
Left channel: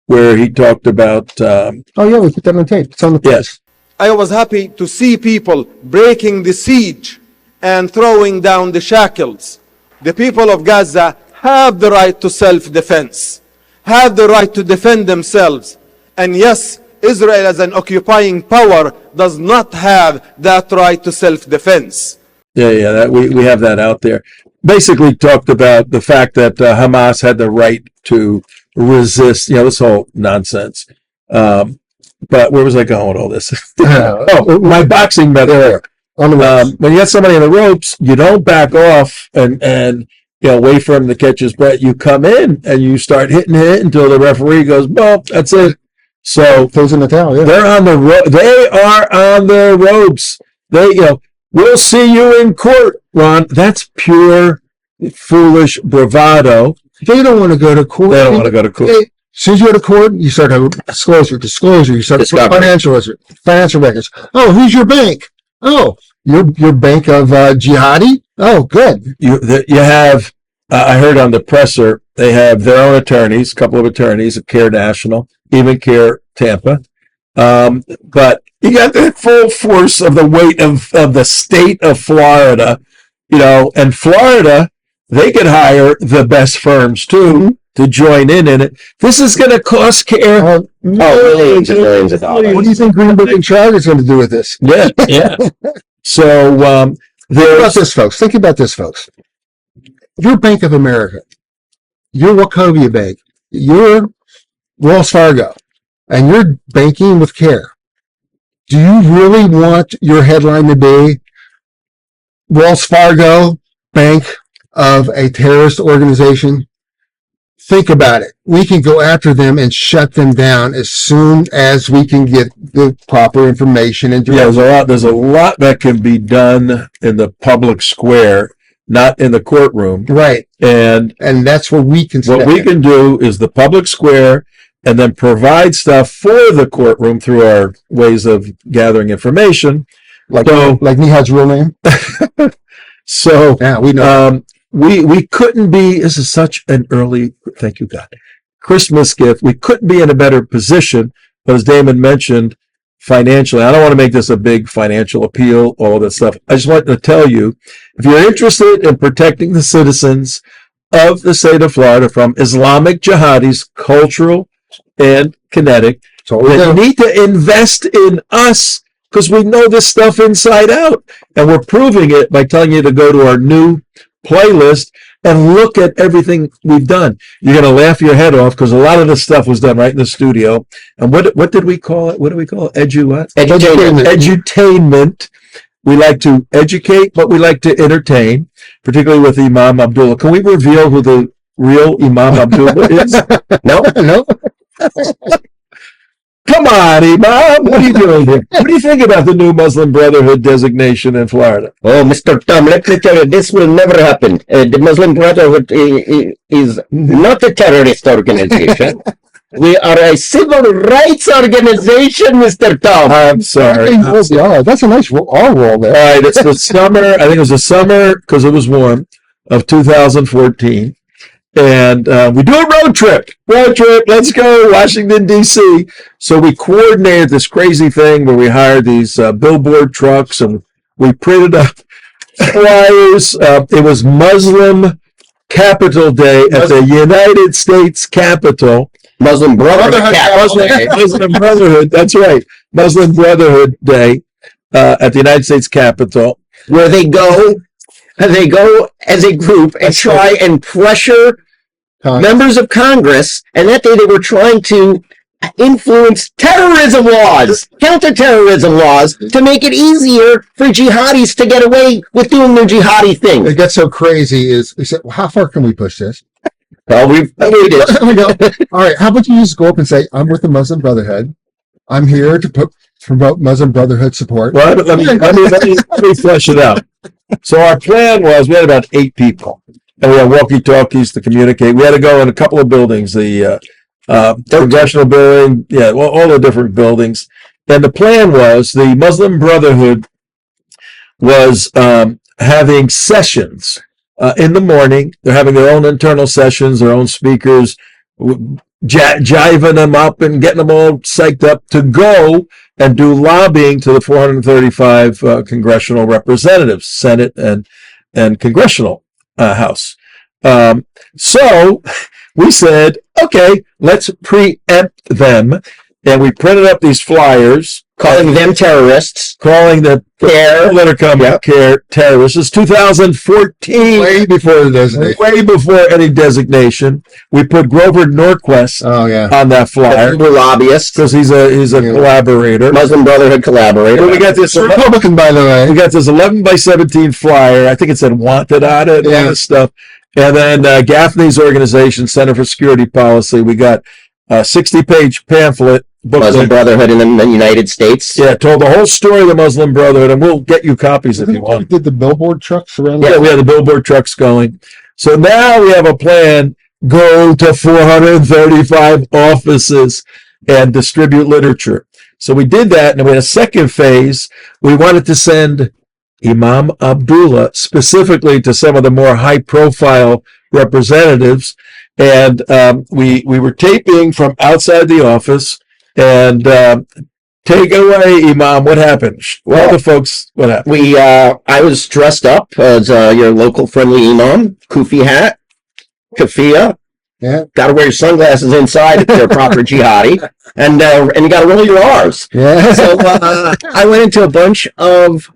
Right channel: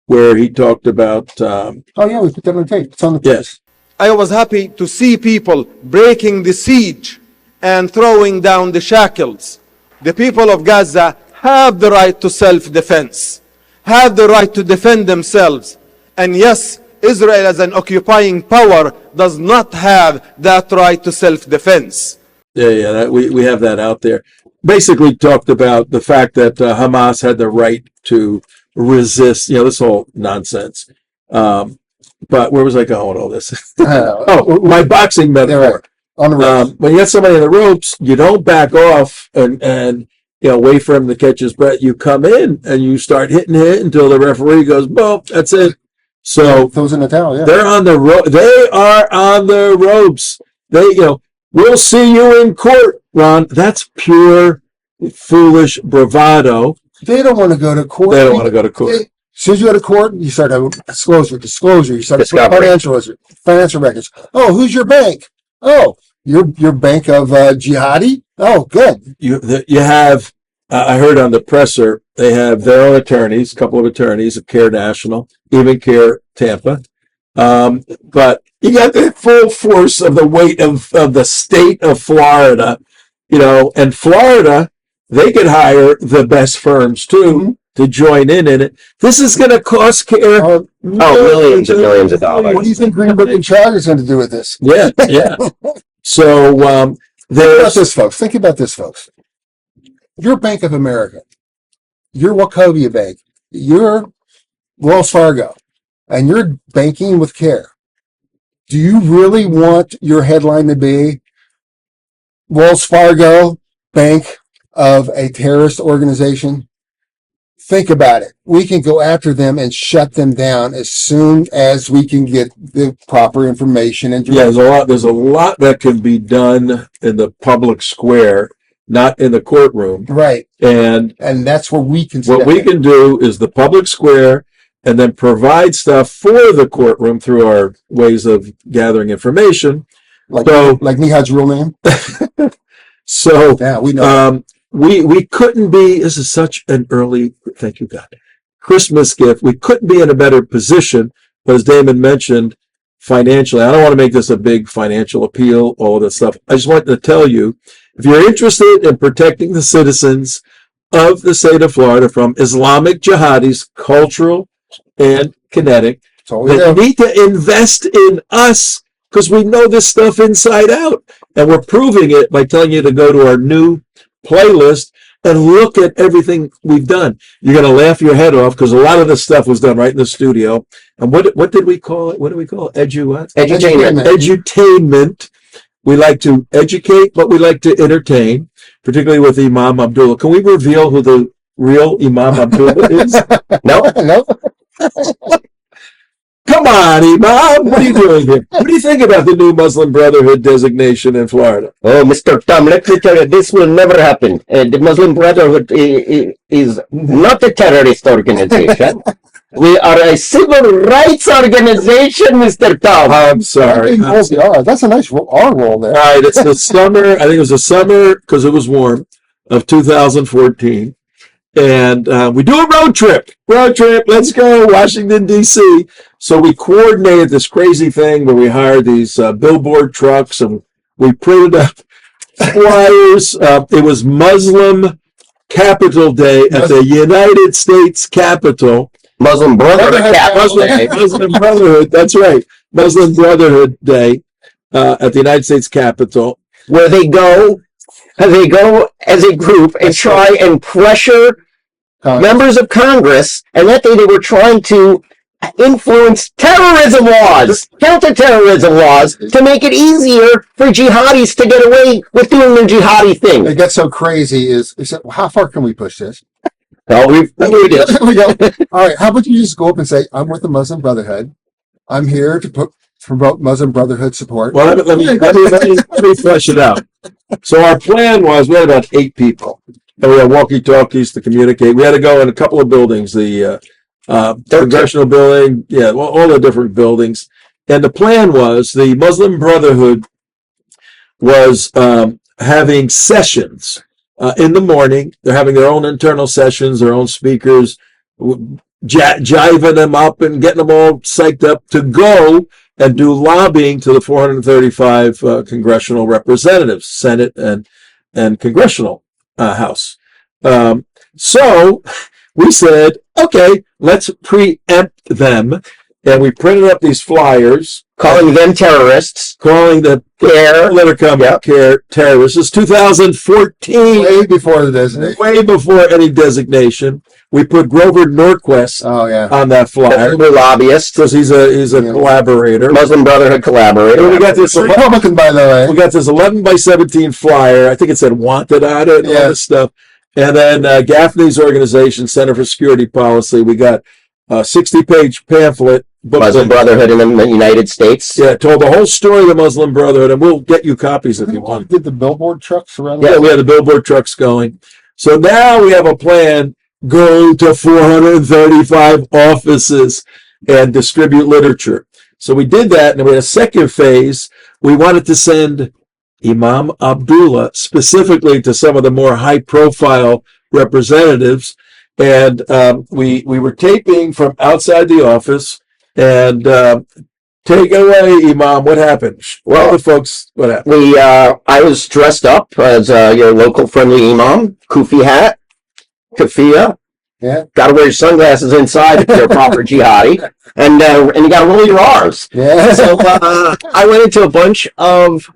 where he talked about. Oh yeah, we put that on tape. It's on the. Yes. I was happy to see people breaking the siege and throwing down the shackles. The people of Gaza have the right to self-defense, have the right to defend themselves. And yes, Israel as an occupying power does not have that right to self-defense. Yeah, we have that out there. Basically talked about the fact that Hamas had the right to resist, this whole nonsense. But where was I going with all this? My boxing metaphor. When you got somebody in the ropes, you don't back off and wait for him to catch his breath. You come in and you start hitting it until the referee goes, well, that's it. So Closing the towel, yeah. they're on the they are on the ropes. We'll see you in court, Ron. That's pure foolish bravado. They don't want to go to court. They don't want to go to court. As soon as you go to court, you start having disclosure. You start financial records. Oh, who's your bank? Oh, your bank of jihadi? Oh, good. You have, I heard on the presser, they have their own attorneys, a couple of attorneys at CAIR National, even CAIR Tampa. But you got the full force of the weight of the state of Florida, and Florida, they could hire the best firms too. To join in it. This is going to cost CAIR millions and millions of dollars. What do you think Greenberg and Child is going to do with this? Yeah. So Think about this, folks. Your Bank of America, your Wachovia Bank, your Wells Fargo, and you're banking with CAIR. Do you really want your headline to be Wells Fargo, Bank of a terrorist organization? Think about it. We can go after them and shut them down as soon as we can get the proper information. There's a lot that can be done in the public square, not in the courtroom. Right. And that's where we can. What we can do is the public square, and then provide stuff for the courtroom through our ways of gathering information. Like Nihad's real name. So yeah, we know. We couldn't be, this is such an early, thank you God, Christmas gift. We couldn't be in a better position, but as Damon mentioned, financially, I don't want to make this a big financial appeal, all that stuff. I just want to tell you, if you're interested in protecting the citizens of the state of Florida from Islamic jihadis, cultural and kinetic, then you need to invest in us because we know this stuff inside out. And we're proving it by telling you to go to our new playlist and look at everything we've done. You're going to laugh your head off because a lot of this stuff was done right in the studio. And what did we call it? What do we call it? Edutainment. We like to educate, but we like to entertain, particularly with Imam Abdullah. Can we reveal who the real Imam Abdullah is? No. Come on, Imam. What are you doing here? What do you think about the new Muslim Brotherhood designation in Florida? Oh, Mr. Tom, let me tell you, this will never happen. The Muslim Brotherhood is not a terrorist organization. We are a civil rights organization, Mr. Tom. I'm sorry. That's a nice R roll there. All right, it's the summer. I think it was the summer because it was warm of 2014. And we do a road trip. Let's go, Washington, D.C. So we coordinated this crazy thing where we hired these billboard trucks and we printed up flyers. It was Muslim Capital Day at the United States Capitol. Muslim Brotherhood Capital Day. Muslim Brotherhood, that's right. Muslim Brotherhood Day at the United States Capitol. Where they go as a group and try and pressure members of Congress, and that day they were trying to influence terrorism laws, counter-terrorism laws, to make it easier for jihadis to get away with doing their jihadi thing. It gets so crazy is, we said, well, how far can we push this? Well, we We go. All right, how about you just go up and say, I'm with the Muslim Brotherhood. I'm here to promote Muslim Brotherhood support. Well, let me flesh it out. So our plan was, we had about 8 people, and we had walkie-talkies to communicate. We had to go in a couple of buildings, the Congressional building, all the different buildings. And the plan was, the Muslim Brotherhood was having sessions in the morning. They're having their own internal sessions, their own speakers, jiving them up and getting them all psyched up to go and do lobbying to the 435 congressional representatives, Senate and Congressional House. So we said, okay, let's preempt them. And we printed up these flyers. calling them terrorists. Calling the CAIR. CAIR terrorists. This is 2014. Way before the designation. Way before any designation. We put Grover Norquist on that flyer. We're lobbyists. Because he's a collaborator. Muslim Brotherhood collaborator. So we got this Republican, by the way. We got this 11 by 17 flyer. I think it said wanted on it and all this stuff. And then Gaffney's organization, Center for Security Policy, we got a 60-page pamphlet. Muslim Brotherhood in the United States. Yeah, told the whole story of the Muslim Brotherhood, and we'll get you copies if you want. Did the billboard trucks around? Yeah, we had the billboard trucks going. So now we have a plan, go to 435 offices and distribute literature. So we did that, and we had a second phase. We wanted to send Imam Abdullah specifically to some of the more high-profile representatives, and we were taping from outside the office. And take away, Imam. What happened? Well, all the folks, what happened? I was dressed up as your local friendly Imam, kufi hat, kafia. Yeah. Got to wear your sunglasses inside if you're a proper jihadi, and you got to roll your R's. Yeah. So I went into a bunch of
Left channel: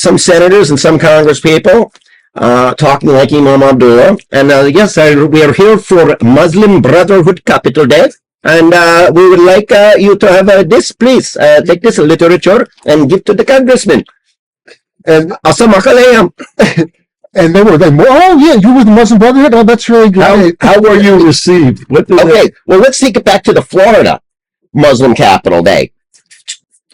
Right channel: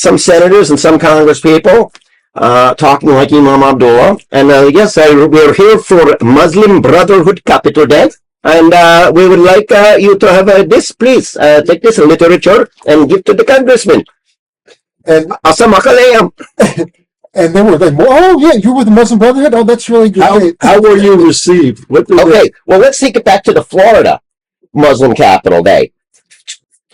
some senators and some Congress people talking like Imam Abdullah, and yes, we're here for Muslim Brotherhood Capital Day. And we would like you to have this, please. Take this literature and give to the congressman. And Assalamualaikum. and they were then, oh yeah, you were the Muslim Brotherhood? Oh, that's really great. How were you received? Okay, well, let's take it back to the Florida Muslim Capital Day.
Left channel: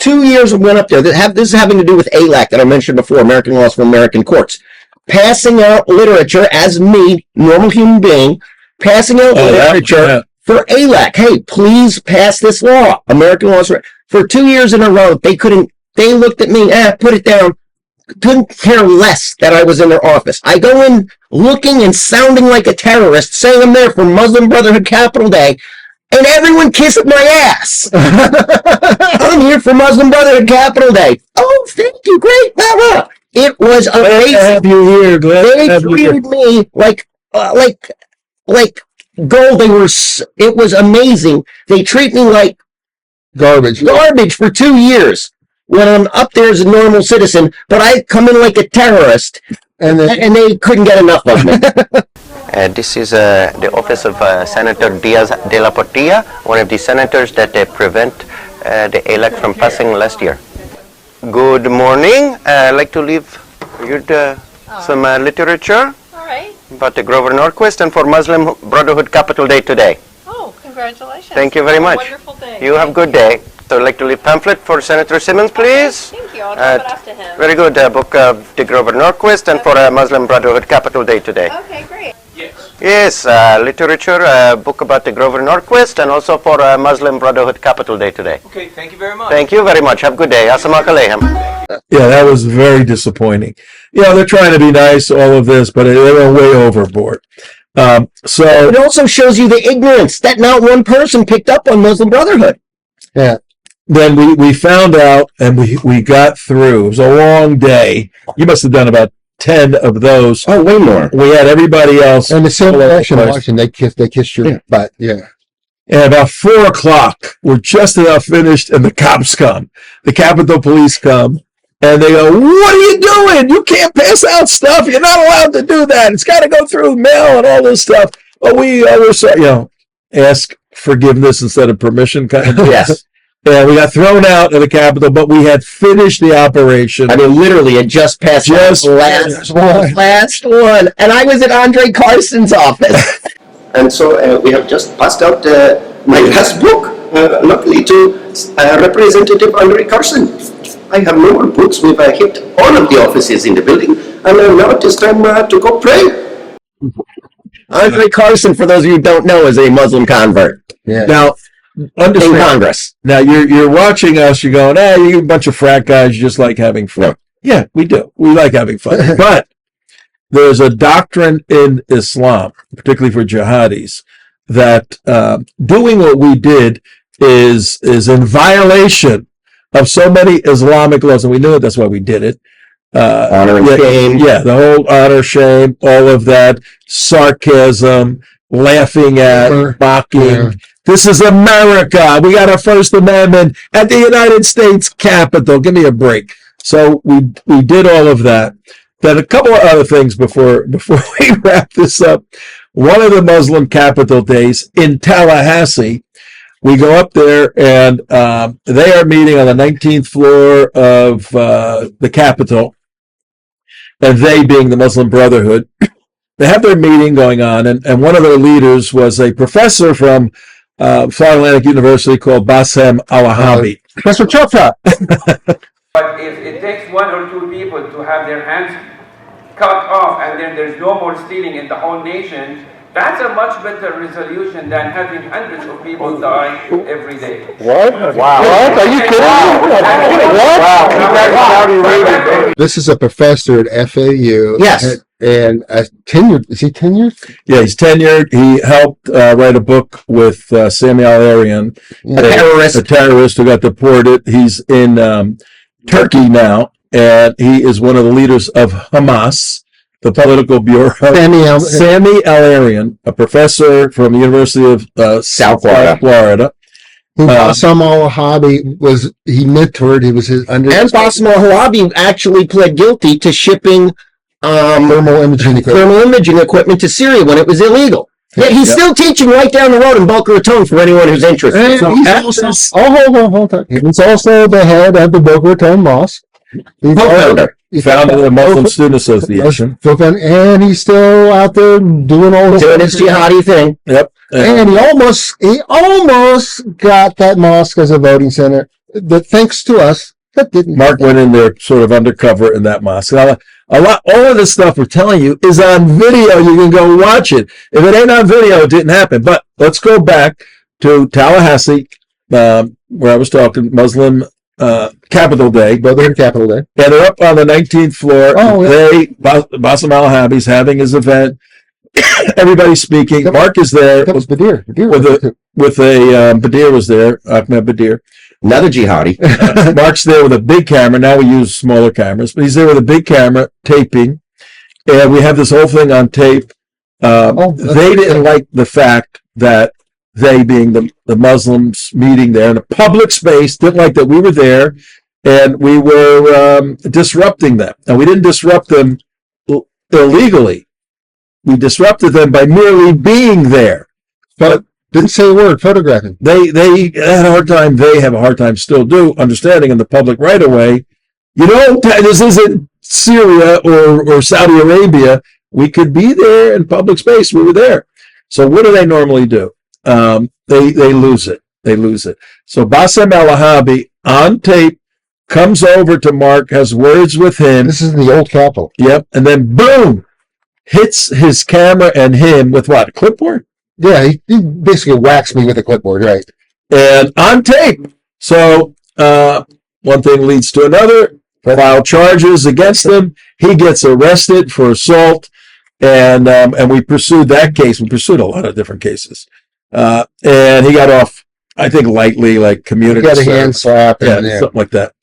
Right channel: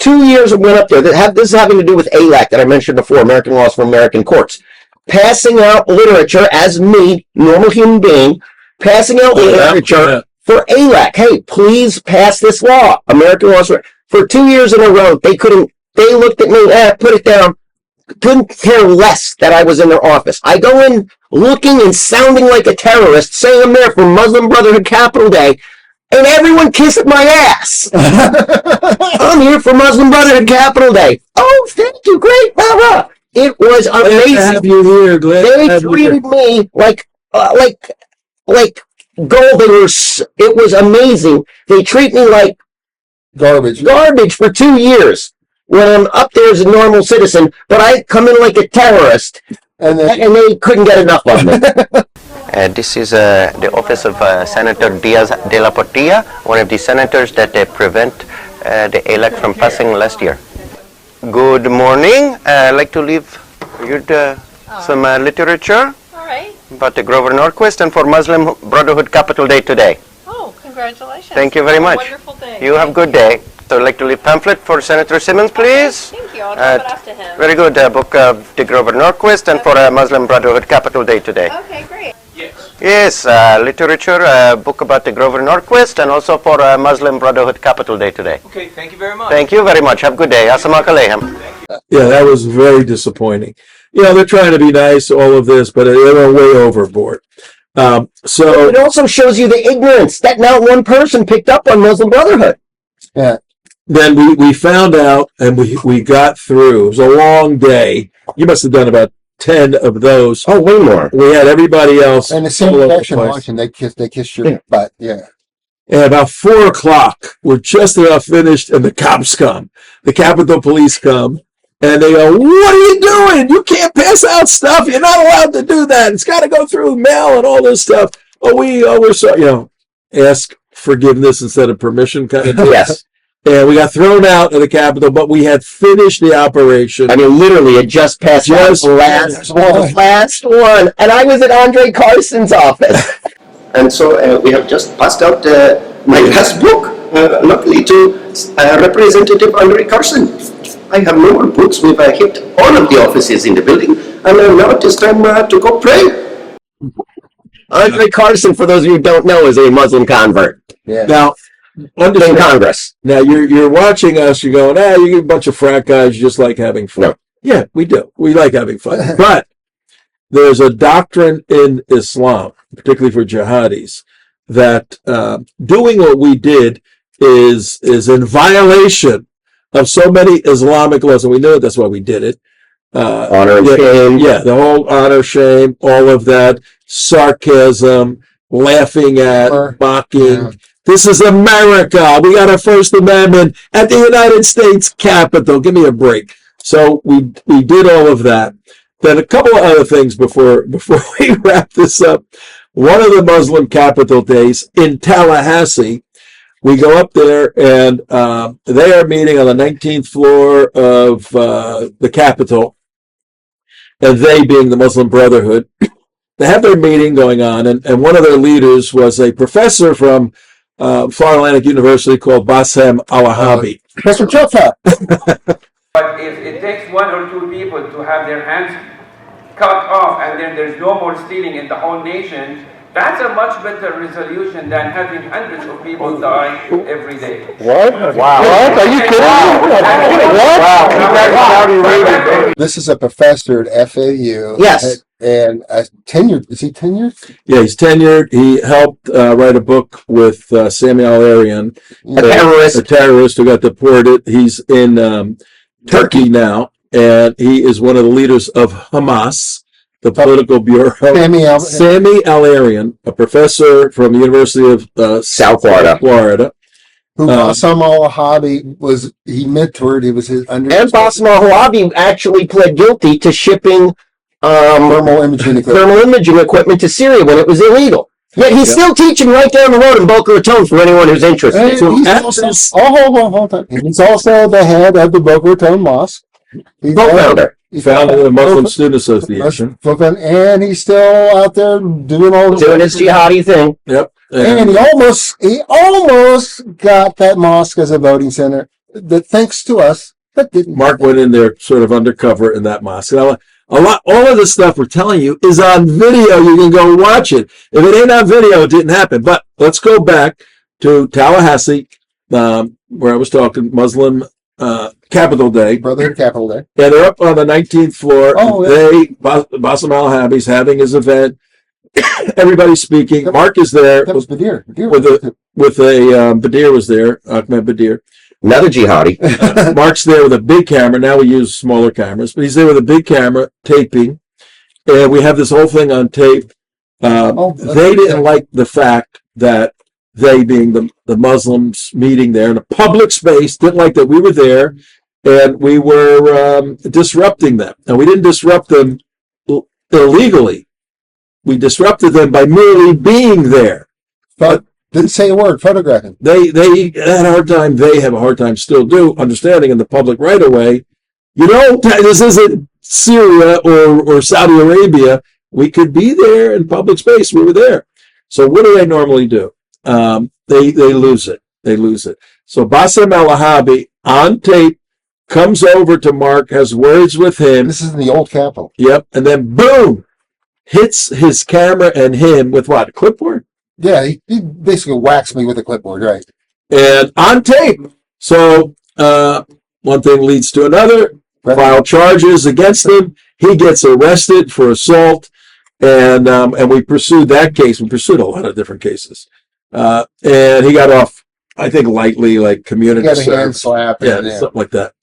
2 years we went up there. This is having to do with ALAC that I mentioned before, American Laws for American Courts. Passing out literature as me, normal human being, passing out literature for ALAC. Hey, please pass this law. American Laws for 2 years in a row. They looked at me, put it down. Couldn't care less that I was in their office. I go in looking and sounding like a terrorist, saying I'm there for Muslim Brotherhood Capital Day, and everyone kissed my ass. I'm here for Muslim Brotherhood Capital Day. Oh, thank you, great, blah, blah. It was amazing. Glad to have you here. They treated me like gold. It was amazing. They treat me like Garbage for 2 years when I'm up there as a normal citizen, but I come in like a terrorist, and they couldn't get enough of me. This is the office of Senator Diaz de la Portilla, one of the senators that prevent the ALAC from passing last year. Good morning. I'd like to leave you some literature. About the Grover Norquist and for Muslim Brotherhood Capital Day today. Oh, congratulations. Thank you very much. Wonderful day. You have a good day. So I'd like to leave pamphlet for Senator Simmons, please. Okay, thank you. I'll drop it off to him. Very good. Book of the Grover Norquist and for Muslim Brotherhood Capital Day today. Okay, great. Yes, literature, book about the Grover Norquist and also for Muslim Brotherhood Capital Day today. Okay, thank you very much. Thank you very much. Have a good day. Assalamualaikum. Yeah, that was very disappointing. They're trying to be nice, all of this, but they were way overboard. So it also shows you the ignorance that not one person picked up on Muslim Brotherhood. Yeah. Then we found out, and we got through. It was a long day. You must have done about 10 of those. Oh, way more. We had everybody else. And the same reaction watching, they kissed your butt. Yeah. And about 4 o'clock, we're just about finished, and the cops come. The Capitol Police come, and they go, "What are you doing? You can't pass out stuff. You're not allowed to do that. It's got to go through mail and all this stuff." Oh, we're sorry, ask forgiveness instead of permission kind of deal. Yes. And we got thrown out of the Capitol, but we had finished the operation. I mean, literally, it just passed Just the last one. And I was at Andre Carson's office. And so we have just passed out my last book, luckily to Representative Andre Carson. I have no more books. We've hit all of the offices in the building, and now it is time to go pray. Andre Carson, for those of you who don't know, is a Muslim convert. Yeah. Now, In understand. Congress. Now you're watching us. You're going, you're a bunch of frat guys. You just like having fun. Yeah, we do. We like having fun. But there's a doctrine in Islam, particularly for jihadis, that doing what we did is in violation of so many Islamic laws, and we knew it. That's why we did it. Honor and shame. Yeah, the whole honor, shame, all of that, sarcasm, laughing at, mocking. Yeah. This is America. We got our First Amendment at the United States Capitol. Give me a break. So we did all of that. Then a couple of other things before we wrap this up. One of the Muslim capital days in Tallahassee, we go up there and they are meeting on the 19th floor of the Capitol, and they being the Muslim Brotherhood. They have their meeting going on, and one of their leaders was a professor from Florida Atlantic University called Bassem Al-Wahabi. Mr. Chopra. But if it takes 1 or 2 people to have their hands cut off and then there's no more stealing in the whole nation, that's a much better resolution than having hundreds of people die every day. What? Wow. What? Are you kidding me? What? This is a professor at FAU. Yes. And tenured. Is he tenured? Yeah, he's tenured. He helped write a book with Samuel Arian, terrorist. a terrorist who got deported. He's in Turkey now, and he is one of the leaders of Hamas, the political bureau. Sammy Al-Arian, a professor from the University of South Florida. Who Bassem Al-Wahabi he mentored. He was his And Bassem Al-Wahabi actually pled guilty to shipping thermal imaging equipment to Syria when it was illegal. Yet he's still teaching right down the road in Boca Raton for anyone who's interested. And hold on. He's also the head of the Boca Raton Mosque. Co-founder. He founded the Muslim Student Association. And he's still out there doing all this. Doing his jihadi thing. Yep. And he almost got that mosque as a voting center. Thanks to us, that didn't. Mark went in there sort of undercover in that mosque. Now, all of this stuff we're telling you is on video. You can go watch it. If it ain't on video, it didn't happen. But let's go back to Tallahassee, where I was talking Muslim Capital Day. Brotherhood Capital Day. Yeah, they're up on the 19th floor. Oh, Bassem Al-Wahabi's having his event. Everybody's speaking. Mark is there. That was Badir. Badir was there. Ahmed Badir. Another jihadi. Mark's there with a big camera. Now we use smaller cameras, but he's there with a big camera taping. And we have this whole thing on tape. They didn't like the fact that they, being the Muslims meeting there in a public space, didn't like that we were there and we were disrupting them. And we didn't disrupt them illegally. We disrupted them by merely being there. But didn't say a word, photographing. They had a hard time, they have a hard time, still do, understanding in the public right away, this isn't Syria or Saudi Arabia. We could be there in public space. We were there. So what do they normally do? They lose it. They lose it. So Bassem Al-Wahabi on tape comes over to Mark, has words with him. This is the old Capitol. Yep. And then boom, hits his camera and him with what? A clipboard? Yeah, he basically whacks me with a clipboard, right? And on tape. So one thing leads to another. File charges against him. He gets arrested for assault, and we pursued that case. We pursued a lot of different cases, and he got off, I think, lightly, like community service. Got a hand slap, something like that.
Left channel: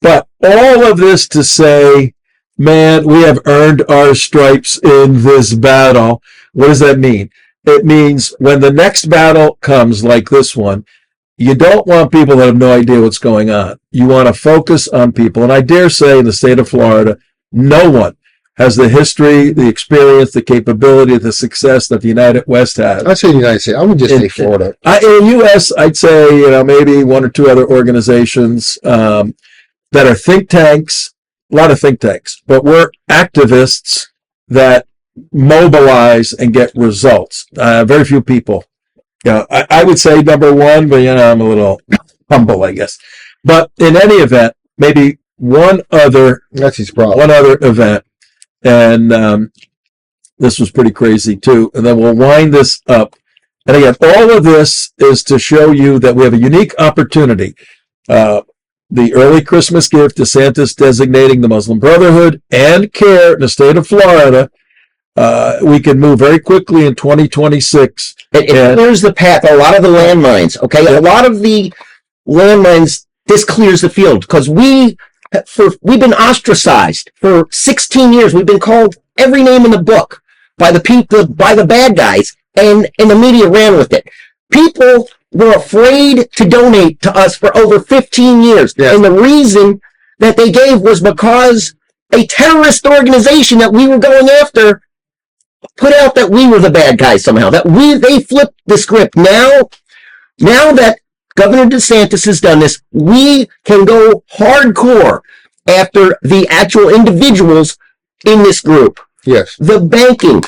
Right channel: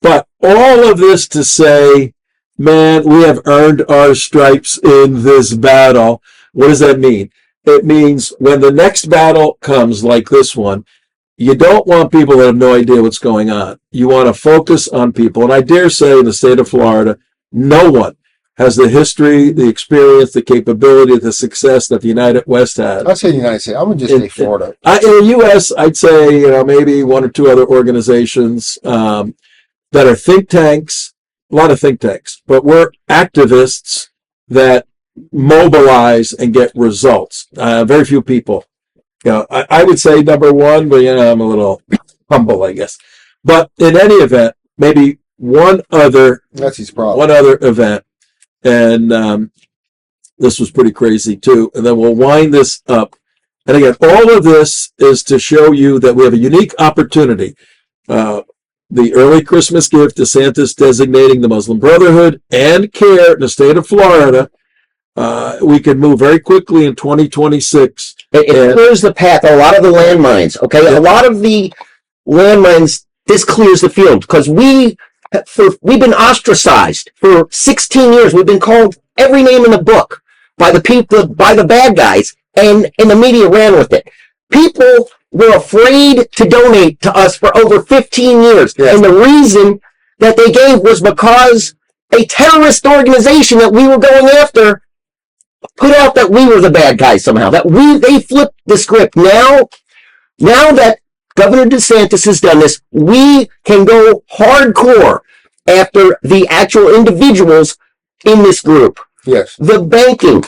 But all of this to say, man, we have earned our stripes in this battle. What does that mean? it means when the next battle comes like this one, you don't want people that have no idea what's going on. You want to focus on people. And I dare say in the state of Florida, no one has the history, the experience, the capability, the success that the United West has. I'd say the United States. I would just say Florida. In the U.S., I'd say, maybe one or two other organizations that are think tanks, a lot of think tanks, but we're activists that mobilize and get results. Very few people. I would say number one, but I'm a little humble, I guess. But in any event, maybe one other event, and this was pretty crazy too. And then we'll wind this up. And again, all of this is to show you that we have a unique opportunity. The early Christmas gift, DeSantis designating the Muslim Brotherhood and CAIR in the state of Florida. We can move very quickly in 2026. It clears the path. A lot of the landmines, okay? A lot of the landmines, this clears the field because we've been ostracized for 16 years. We've been called every name in the book by the people, by the bad guys, and the media ran with it. People were afraid to donate to us for over 15 years. Yes. And the reason that they gave was because a terrorist organization that we were going after put out that we were the bad guys somehow, that they flipped the script. Now that Governor DeSantis has done this, we can go hardcore after the actual individuals in this group. Yes. The banking,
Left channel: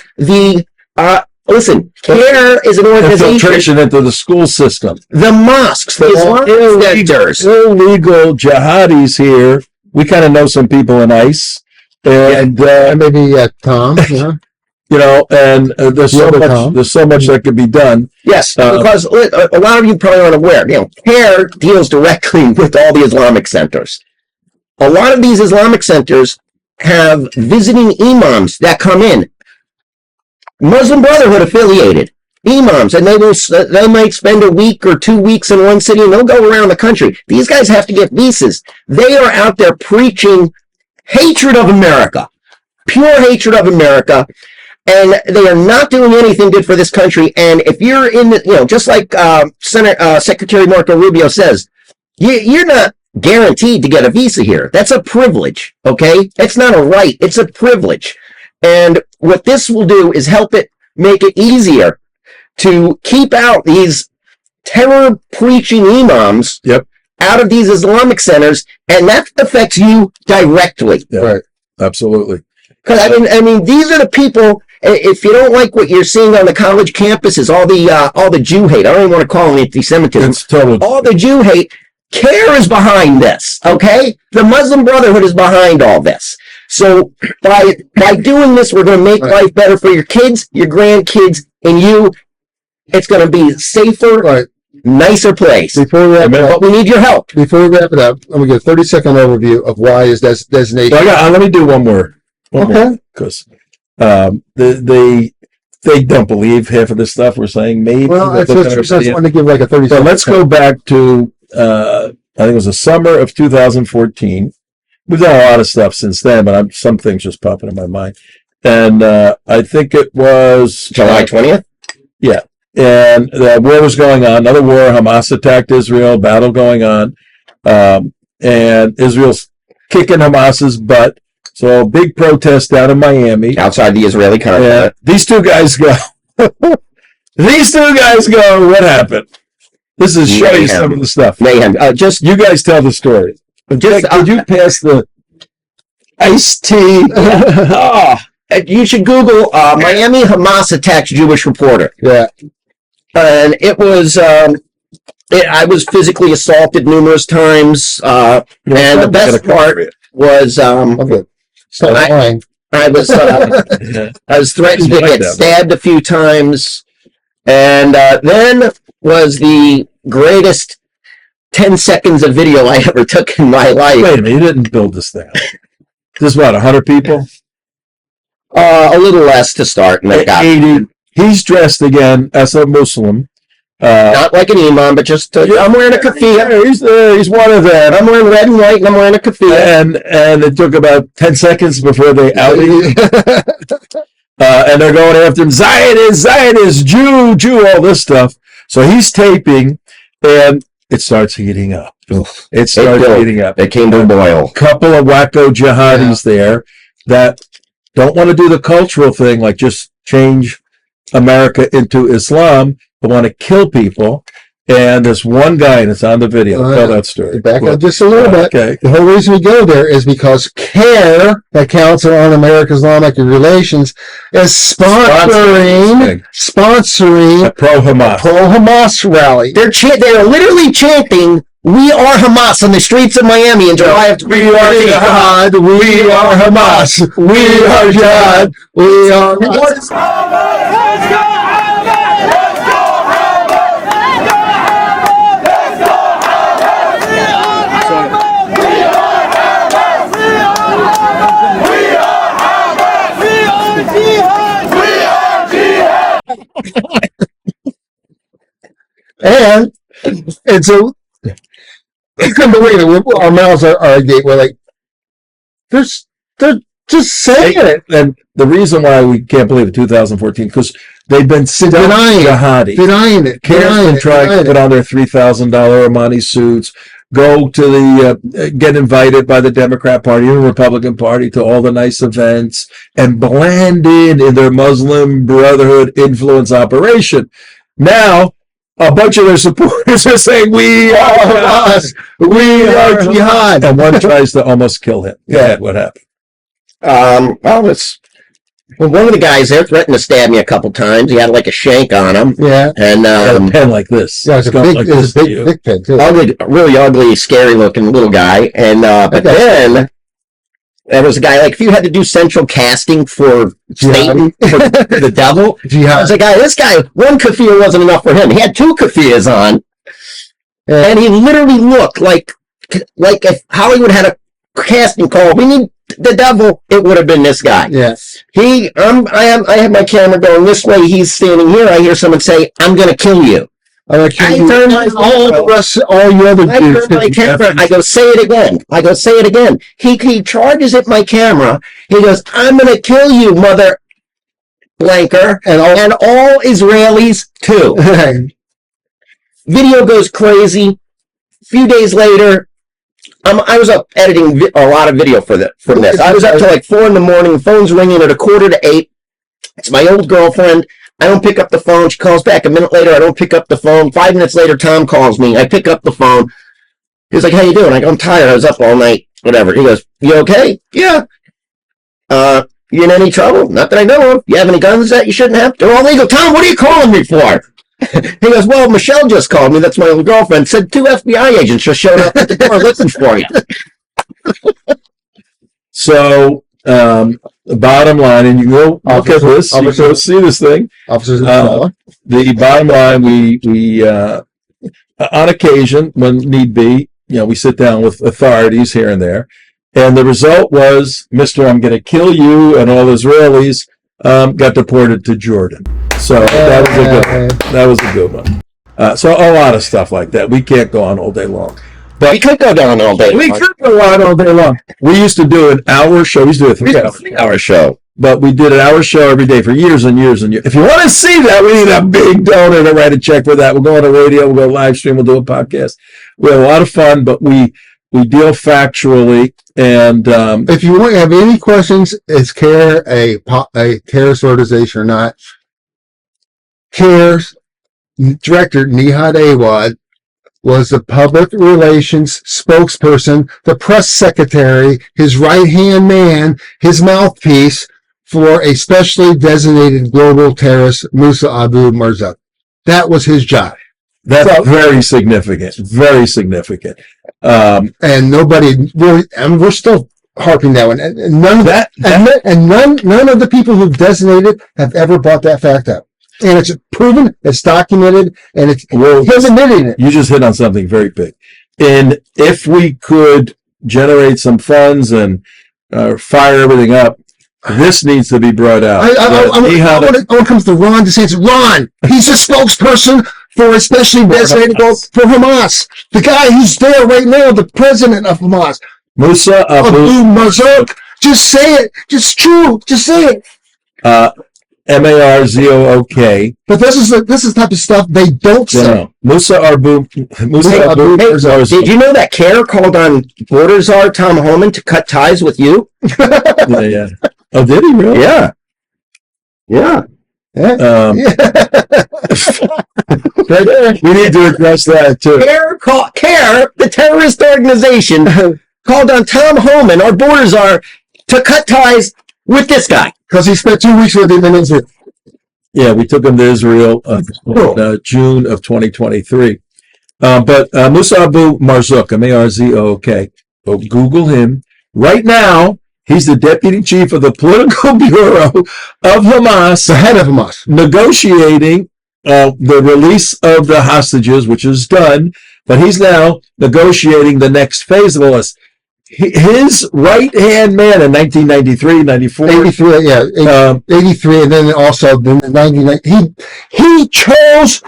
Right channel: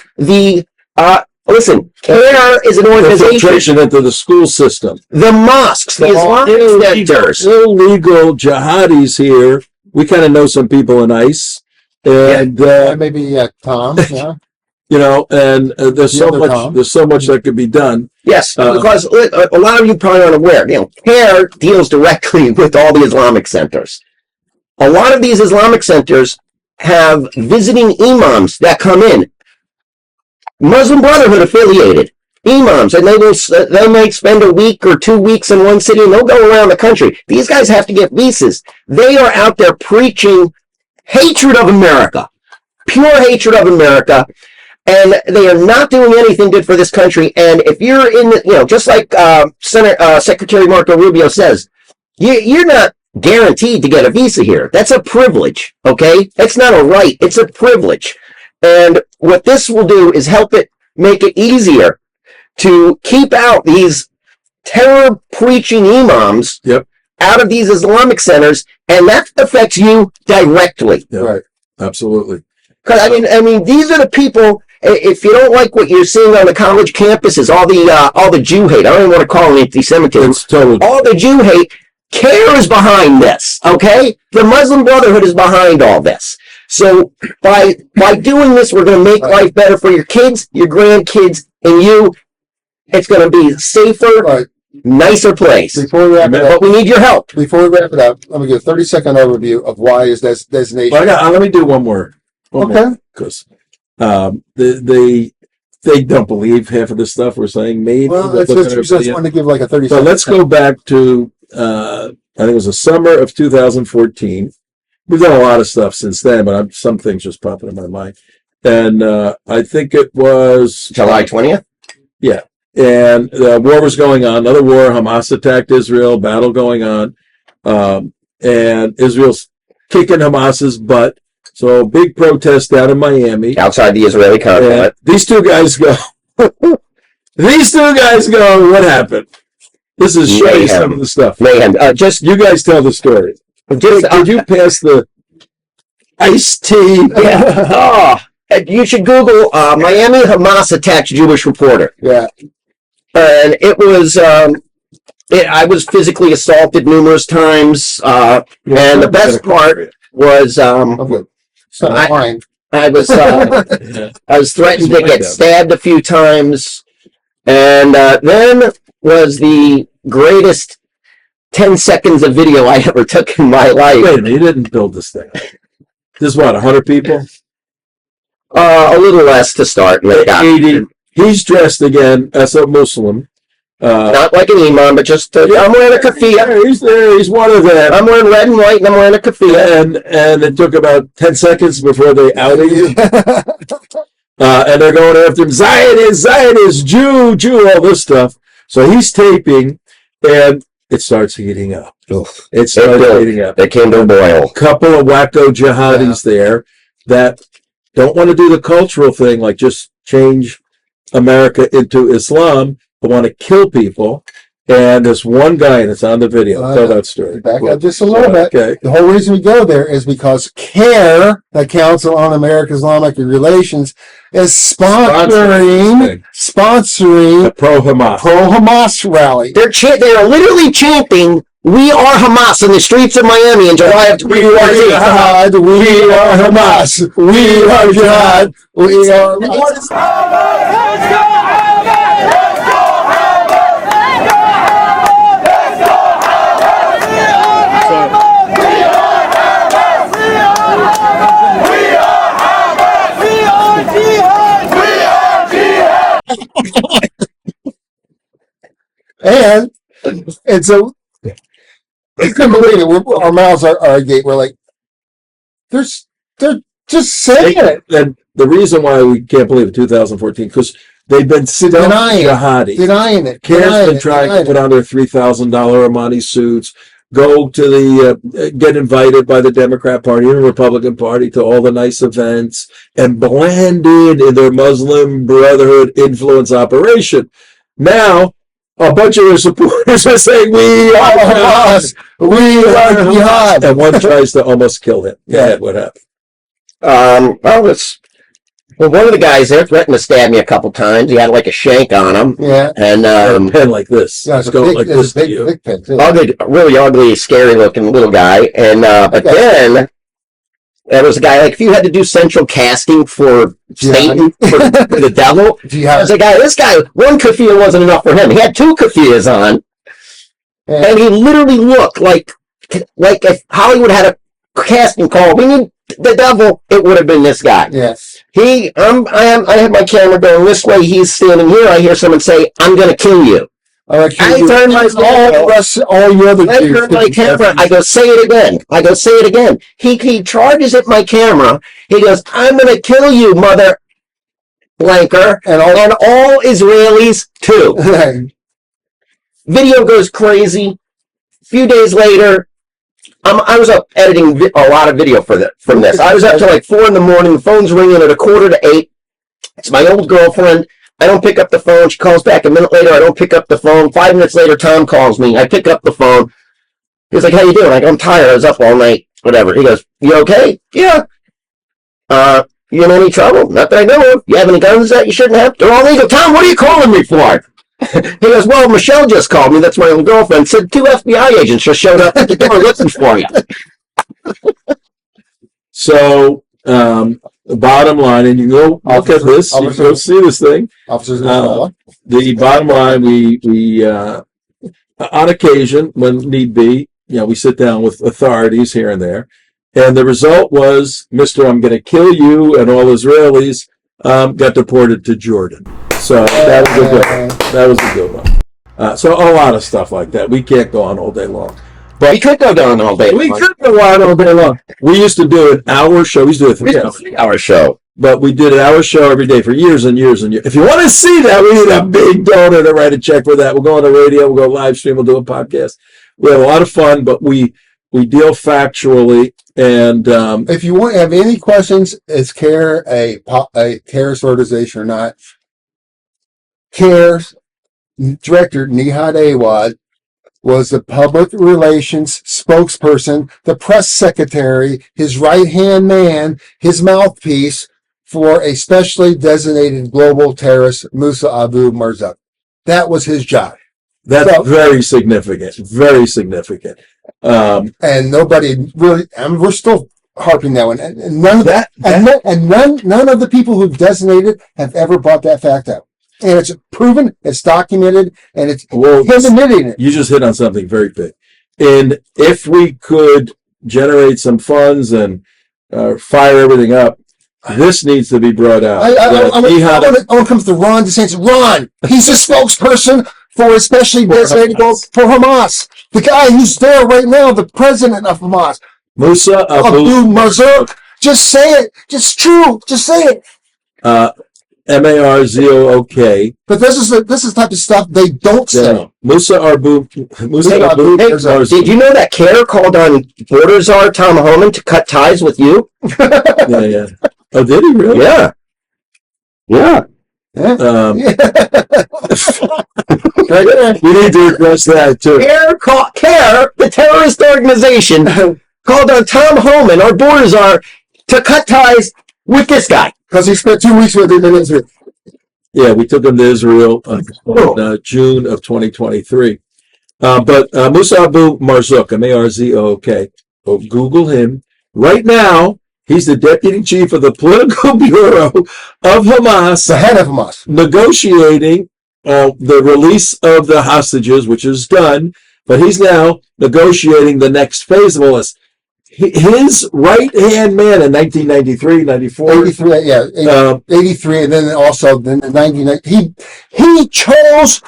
listen, CAIR is an organization. The filtration into the school system. The mosques, the Islamic centers. Illegal jihadis here. We kind of know some people in ICE. And maybe Tom, yeah. And there's so much that could be done. Yes, because a lot of you probably aren't aware. CAIR deals directly with all the Islamic centers. A lot of these Islamic centers have visiting imams that come in, Muslim Brotherhood affiliated imams, and they might spend a week or 2 weeks in one city, and they'll go around the country. These guys have to get visas. They are out there preaching hatred of America, pure hatred of America. And they are not doing anything good for this country. And if you're in the, just like Secretary Marco Rubio says, you're not guaranteed to get a visa here. That's a privilege, okay? It's not a right. It's a privilege. And what this will do is help it make it easier to keep out these terror-preaching imams out of these Islamic centers, and that affects you directly. Yeah, right. Absolutely. Because I mean, these are the people. If you don't like what you're seeing on the college campuses, all the Jew hate. I don't even want to call it anti-Semitism. It's totally all the Jew hate. CAIR is behind this. Okay, the Muslim Brotherhood is behind all this. So by doing this, we're going to make life better for your kids, your grandkids, and you. It's going to be a safer, nicer place. Before we wrap it up, but we need your help. Before we wrap it up, let me give a 30-second overview of why is designation. Let me do one more. Because they don't believe half of the stuff we're saying. Maybe. Well, I just want to give like a 30. But let's go back to I think it was the summer of 2014. We've done a lot of stuff since then, but some things just popping in my mind. And I think it was July 20th. Yeah, and the war was going on. Another war. Hamas attacked Israel. Battle going on, and Israel's kicking Hamas's butt. So big protest down in Miami. Outside the Israeli consulate. These two guys go, what happened? This is showing you some of the stuff. Mayhem. You guys tell the story. Could you pass the iced tea? You should Google Miami Hamas attacks Jewish reporter. Yeah. And it was, I was physically assaulted numerous times. And the best part was, I was threatened to get stabbed a few times, and then was the greatest 10 seconds of video I ever took in my life. Wait a minute, you didn't build this thing. This is what, 100 people? A little less to start. 80. He's dressed again as a Muslim. Not like an imam, but just I'm wearing a keffiyeh. He's one of them. I'm wearing red and white, and I'm wearing a keffiyeh. And it took about 10 seconds before they outed you. and they're going after him, Zionist, Jew, all this stuff. So he's taping, and it starts heating up. It starts heating up. It came to a boil. Couple of wacko jihadis there that don't want to do the cultural thing, like just change America into Islam, but want to kill people. And there's one guy, and it's on the video. Tell that story. Back up just a little bit. Okay. The whole reason we go there is because CAIR, the Council on American Islamic Relations, is sponsoring A pro-Hamas rally. They are literally chanting, "We are Hamas" in the streets of Miami in July of We are jihad. We are Hamas. We are jihad. We are Hamas. And so I couldn't believe it. Our mouths are agape. We're like, they're just saying it. And the reason why we can't believe it, 2014, because they've been Denying jihadi. it. CAIR's been trying to put on their $3,000 Armani suits, go to the, get invited by the Democrat Party and the Republican Party to all the nice events, and blend in their Muslim Brotherhood influence operation. Now, a bunch of their supporters are saying, "We are Hamas, we are jihad," and one tries to almost kill him. Go ahead, what happened? One of the guys there threatened to stab me a couple times. He had like a shank on him. Yeah. And A pen like this. Yeah, it's going like this to you. big pen, too. ugly, really ugly, scary looking little guy. And but then there was a guy, like, if you had to do central casting for Satan, for the devil, there was a guy, this guy, one keffiyeh wasn't enough for him. He had two keffiyehs on. Yeah. And he literally looked like if Hollywood had a casting call, we need the devil, it would have been this guy. Yes. I have my camera going this way, he's standing here, I hear someone say, "I'm going to kill you." I turn my camera. I go, "Say it again." "Say it again." He charges at my camera. He goes, "I'm going to kill you, mother blanker, and all Israelis too." Video goes crazy. A few days later, I was up editing a lot of video from this. I was up till like 4 a.m. The phone's ringing at 7:45. It's my old girlfriend. I don't pick up the phone. She calls back a minute later. I don't pick up the phone. 5 minutes later, Tom calls me. I pick up the phone. He's like, "How you doing?" I go, "I'm tired. I was up all night." Whatever. He goes, "You okay?" "Yeah." "You in any trouble?" "Not that I know of." "You have any guns that you shouldn't have?" "They're all legal." "Tom, what are you calling me for?" He goes, "Well, Michelle just called me." That's my old girlfriend. Said 2 FBI agents just showed up at the door looking for you. So, the bottom line, and you go look at this, you go see this thing. The bottom line, we on occasion, when need be, we sit down with authorities here and there, and the result was, Mr. I'm going to kill you, and all Israelis got deported to Jordan. So that was a good one. That was a good one. So a lot of stuff like that. We can't go on all day long. But we could go down all day long. We could go on all day long. We used to do an hour show. We used to do a 3-hour show. But we did an hour show every day for years and years and years. If you want to see that, we need a big donor to write a check for that. We'll go on the radio. We'll go live stream. We'll do a podcast. We have a lot of fun, but we deal factually. And if you have any questions, is CAIR a terrorist organization or not? CAIR's director, Nihad Awad, was the public relations spokesperson, the press secretary, his right-hand man, his mouthpiece for a specially designated global terrorist, Musa Abu Marzuk. That was his job. That's very significant. Very significant. And nobody really, and we're still harping that one. And none of that, and none of the people who've designated have ever brought that fact up. And it's proven, it's documented, and he's admitting it. You just hit on something very big. And if we could generate some funds and fire everything up, this needs to be brought out. I want to come to Ron DeSantis. Ron, he's a spokesperson for especially designated for Hamas. The guy who's there right now, the president of Hamas. Musa Abu Marzuk. Just say it. Just true. Just say it. MARZOOK. But this is the type of stuff they don't say. No. Musa Abu Hey, Marzouk. did you know that CAIR called on border czar Tom Homan to cut ties with you? Yeah. Oh, did he really? Yeah. Yeah. Um, we need to address that too. CAIR, the terrorist organization, called on Tom Homan, our border czar, to cut ties with this guy. Because he spent 2 weeks with him in Israel. Yeah, we took him to Israel in June of 2023. But Musa Abu Marzouk, M-A-R-Z-O-K, Google him. Right now, he's the deputy chief of the political bureau of Hamas, The head of Hamas. negotiating the release of the hostages, which is done, but he's now negotiating the next phase of all this. His right-hand man in 1993, 94. 83, yeah. 83, and then also the 99. He chose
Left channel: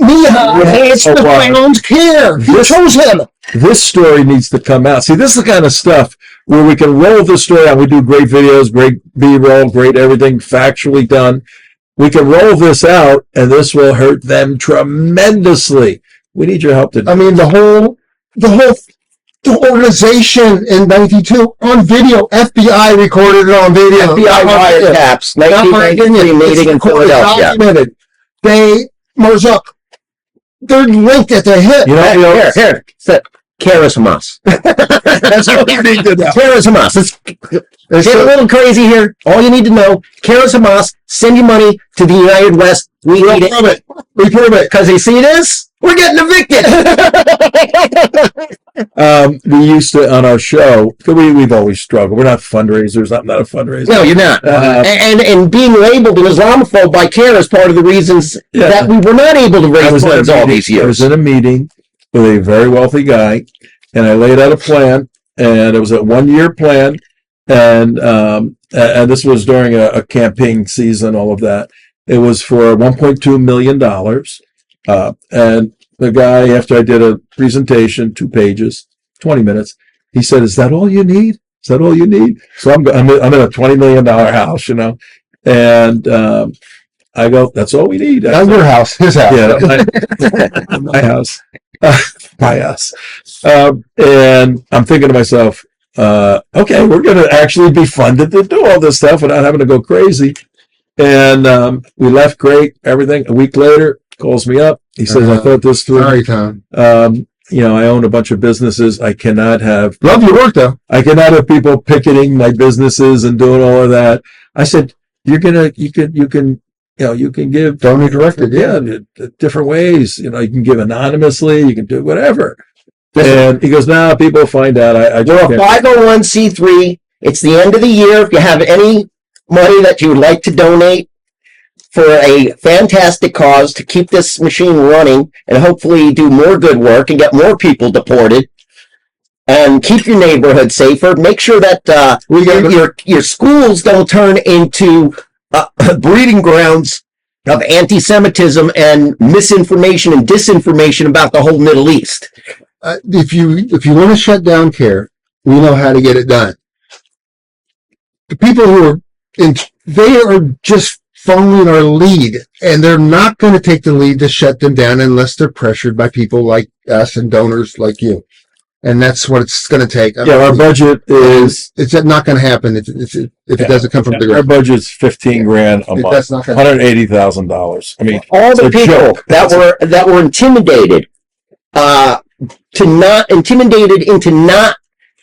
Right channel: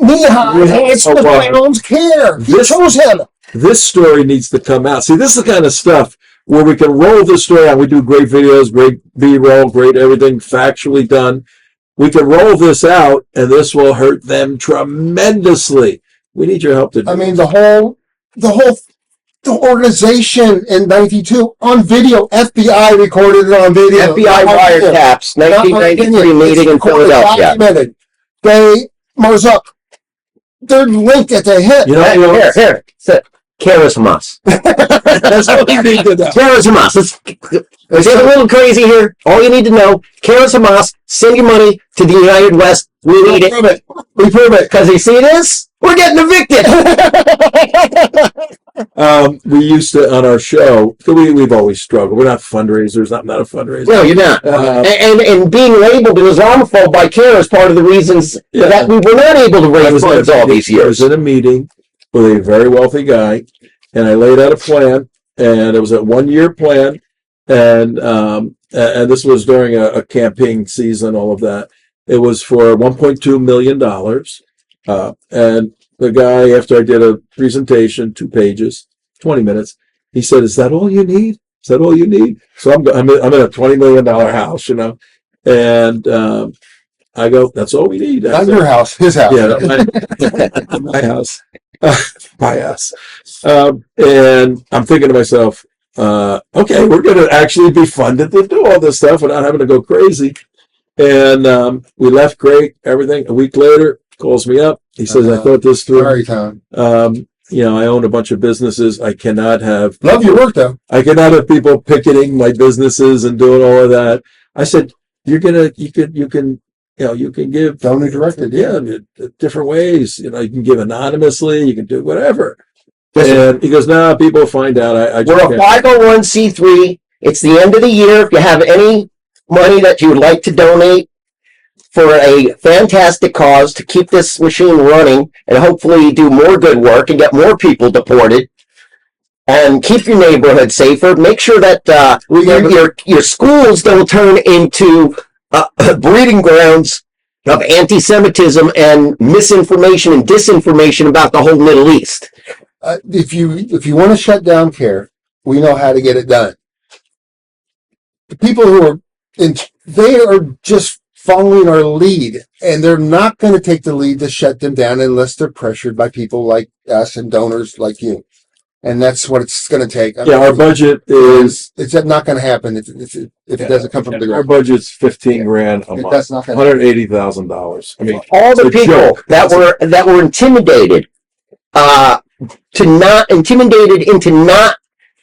It's the Browns CAIR. He chose him. This story needs to come out. See, this is the kind of stuff where we can roll the story out. We do great videos, great B-roll, great everything factually done. We can roll this out, and this will hurt them tremendously. We need your help to do. I mean, the organization in 92 on video, FBI recorded it on video. FBI wiretaps, 1993 meeting in Philadelphia. Documented. Marzouk, they're linked at the hip. Here. CAIR is Hamas. That's what we need to know. CAIR is Hamas. Let's get a little crazy here. All you need to know, CAIR is Hamas. Send your money to the United West. We need it. We prove it. Because you see this? We're getting evicted. We used to, on our show, we've always struggled. We're not fundraisers. I'm not a fundraiser. No, you're not. And being labeled an Islamophobe by CAIR is part of the reasons that we were not able to raise funds all these years. I was in a meeting with a very wealthy guy, and I laid out a plan, and it was a 1-year plan, and this was during a campaign season, all of that. It was for $1.2 million. And the guy, after I did a presentation, 2 pages, 20 minutes, he said, "Is that all you need? Is that all you need?" So I'm in a $20 million house, and I go, "That's all we need." Not your house, his house. Yeah, my house. My house. And I'm thinking to myself, okay, we're going to actually be funded to do all this stuff without having to go crazy. And we left great, everything. A week later, calls me up. He says, "I thought this through. Sorry, Tom. I own a bunch of businesses. I cannot have Love your work, though. I cannot have people picketing my businesses and doing all of that." I said, you can give Donor directed, different ways. You can give anonymously. You can do whatever. And he goes, "No, people find out." We're a 501c3. It's the end of the year. If you have any money that you would like to donate for a fantastic cause to keep this machine running and hopefully do more good work and get more people deported and keep your neighborhood safer, make sure that your schools don't turn into breeding grounds of anti-Semitism and misinformation and disinformation about the whole Middle East. If you want to shut down CAIR, we know how to get it done. The people who they are just following our lead, and they're not going to take the lead to shut them down unless they're pressured by people like us and donors like you. And that's what it's going to take. Our budget is... It's not going to happen if it doesn't come from the ground. Our budget's $15,000 a month, That's not gonna $180,000. I mean, all the it's a people joke. that were intimidated into not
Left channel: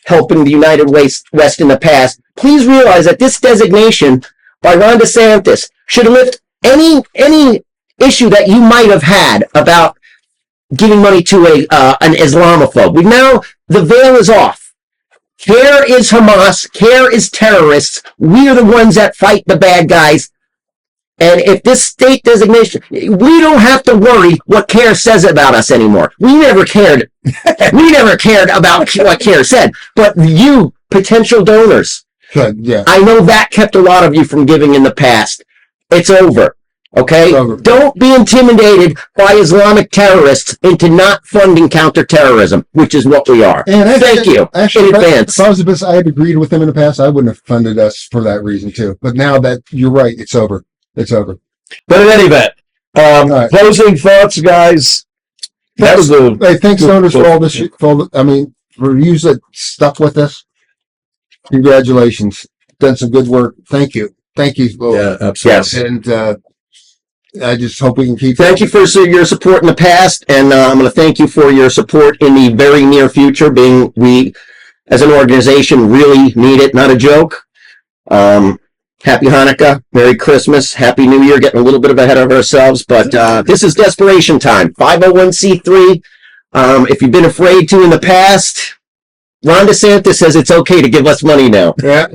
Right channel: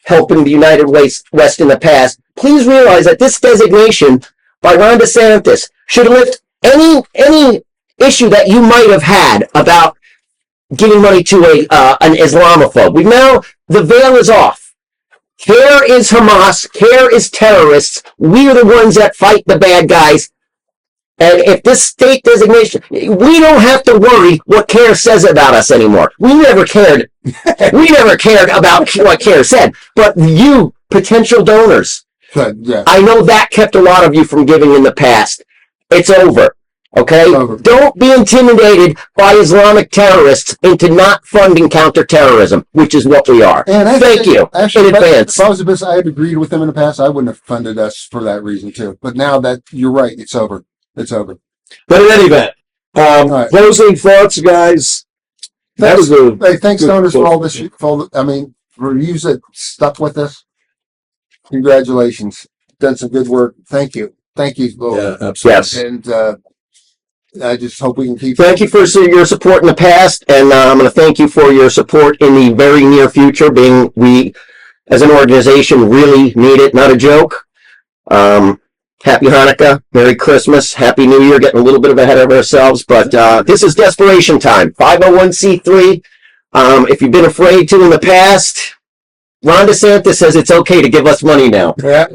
helping the United West in the past, please realize that this designation by Ron DeSantis should lift any issue that you might have had about giving money to an Islamophobe. Now the veil is off. CAIR is Hamas. CAIR is terrorists. We are the ones that fight the bad guys. And if this state designation, we don't have to worry what CAIR says about us anymore. We never cared. We never cared about what CAIR said. But you, potential donors, Good, yeah. I know that kept a lot of you from giving in the past. It's over. Okay? Don't be intimidated by Islamic terrorists into not funding counterterrorism, which is what we are. And Thank you Actually, in advance. if I was a business, I had agreed with them in the past. I wouldn't have funded us for that reason too. But now that you're right, it's over. It's over. But in any event, right. closing thoughts, guys. That was a Hey, thanks, donors, for all this shit. Reviews that stuck with us. Congratulations. Done some good work. Thank you. Thank you. yeah, absolutely. Yes. And I just hope we can keep. Thank you for your support in the past, and I'm going to thank you for your support in the very near future, being we, as an organization, really need it, not a joke. Happy Hanukkah, Merry Christmas, Happy New Year, getting a little bit ahead of ourselves, but this is desperation time. 501c3, if you've been afraid to in the past, Ron DeSantis says it's okay to give us money now. Yeah.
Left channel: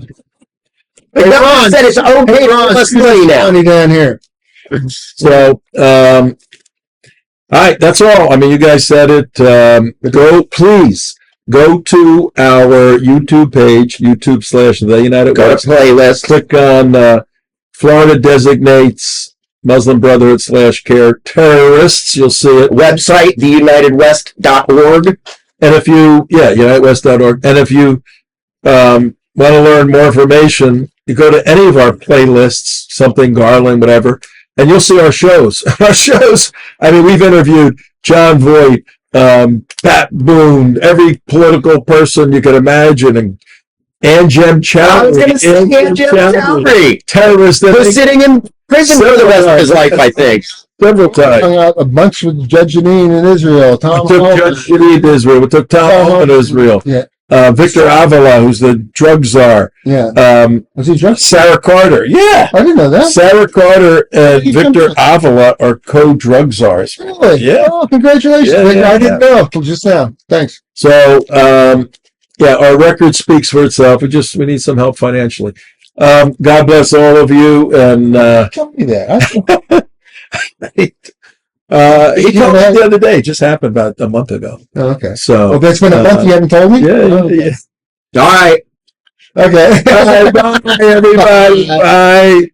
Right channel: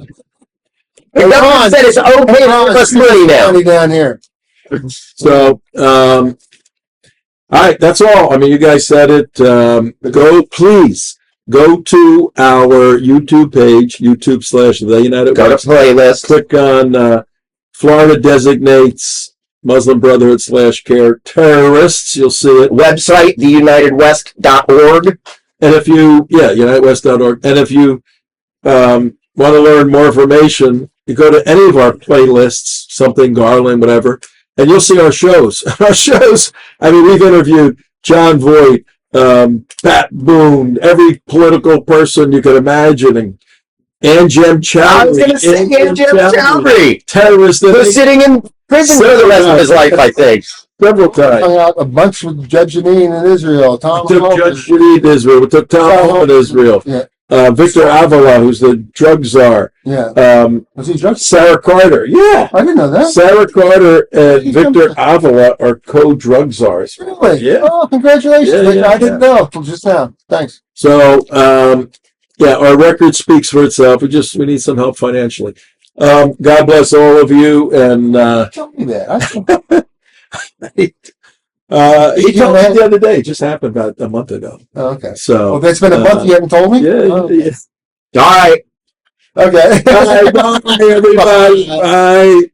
The government said it's okay to give us money now. Money down here. So, all right, that's all. I mean, you guys said it. Please go to our YouTube page, YouTube/The United Go to West. playlist. Click on Florida designates Muslim Brotherhood /CAIR terrorists. You'll see it. Website, theunitedwest.org. And if you, unitedwest.org. And if you want to learn more information, you go to any of our playlists, something Garland, whatever, and you'll see our shows. Our shows, I mean, we've interviewed John Voight, Pat Boone, every political person you could imagine, and Anjem Chowdhury. I was going to say Anjem Chowdhury. Terrorist. Who's sitting in prison for the rest of his life, I think. Several times. Hung out a bunch with Judge Janine in Israel. We took Judge Janine to Israel. We took Tom Home in Israel. Yeah. Victor Avila, who's the drug czar. Yeah. Was he drunk? Sarah Carter. Yeah. I didn't know that. Sarah Carter and You Victor jumped Avila are co-drug czars. Really? Yeah. Oh, congratulations. Yeah, I didn't know till just now. Thanks. So, our record speaks for itself. We need some help financially. God bless all of you. And Tell me that. he told me the other day. It just happened about a month ago. Okay. So, Well, that's been a month. You haven't told me? yeah. All right. Okay. Bye, everybody. Bye.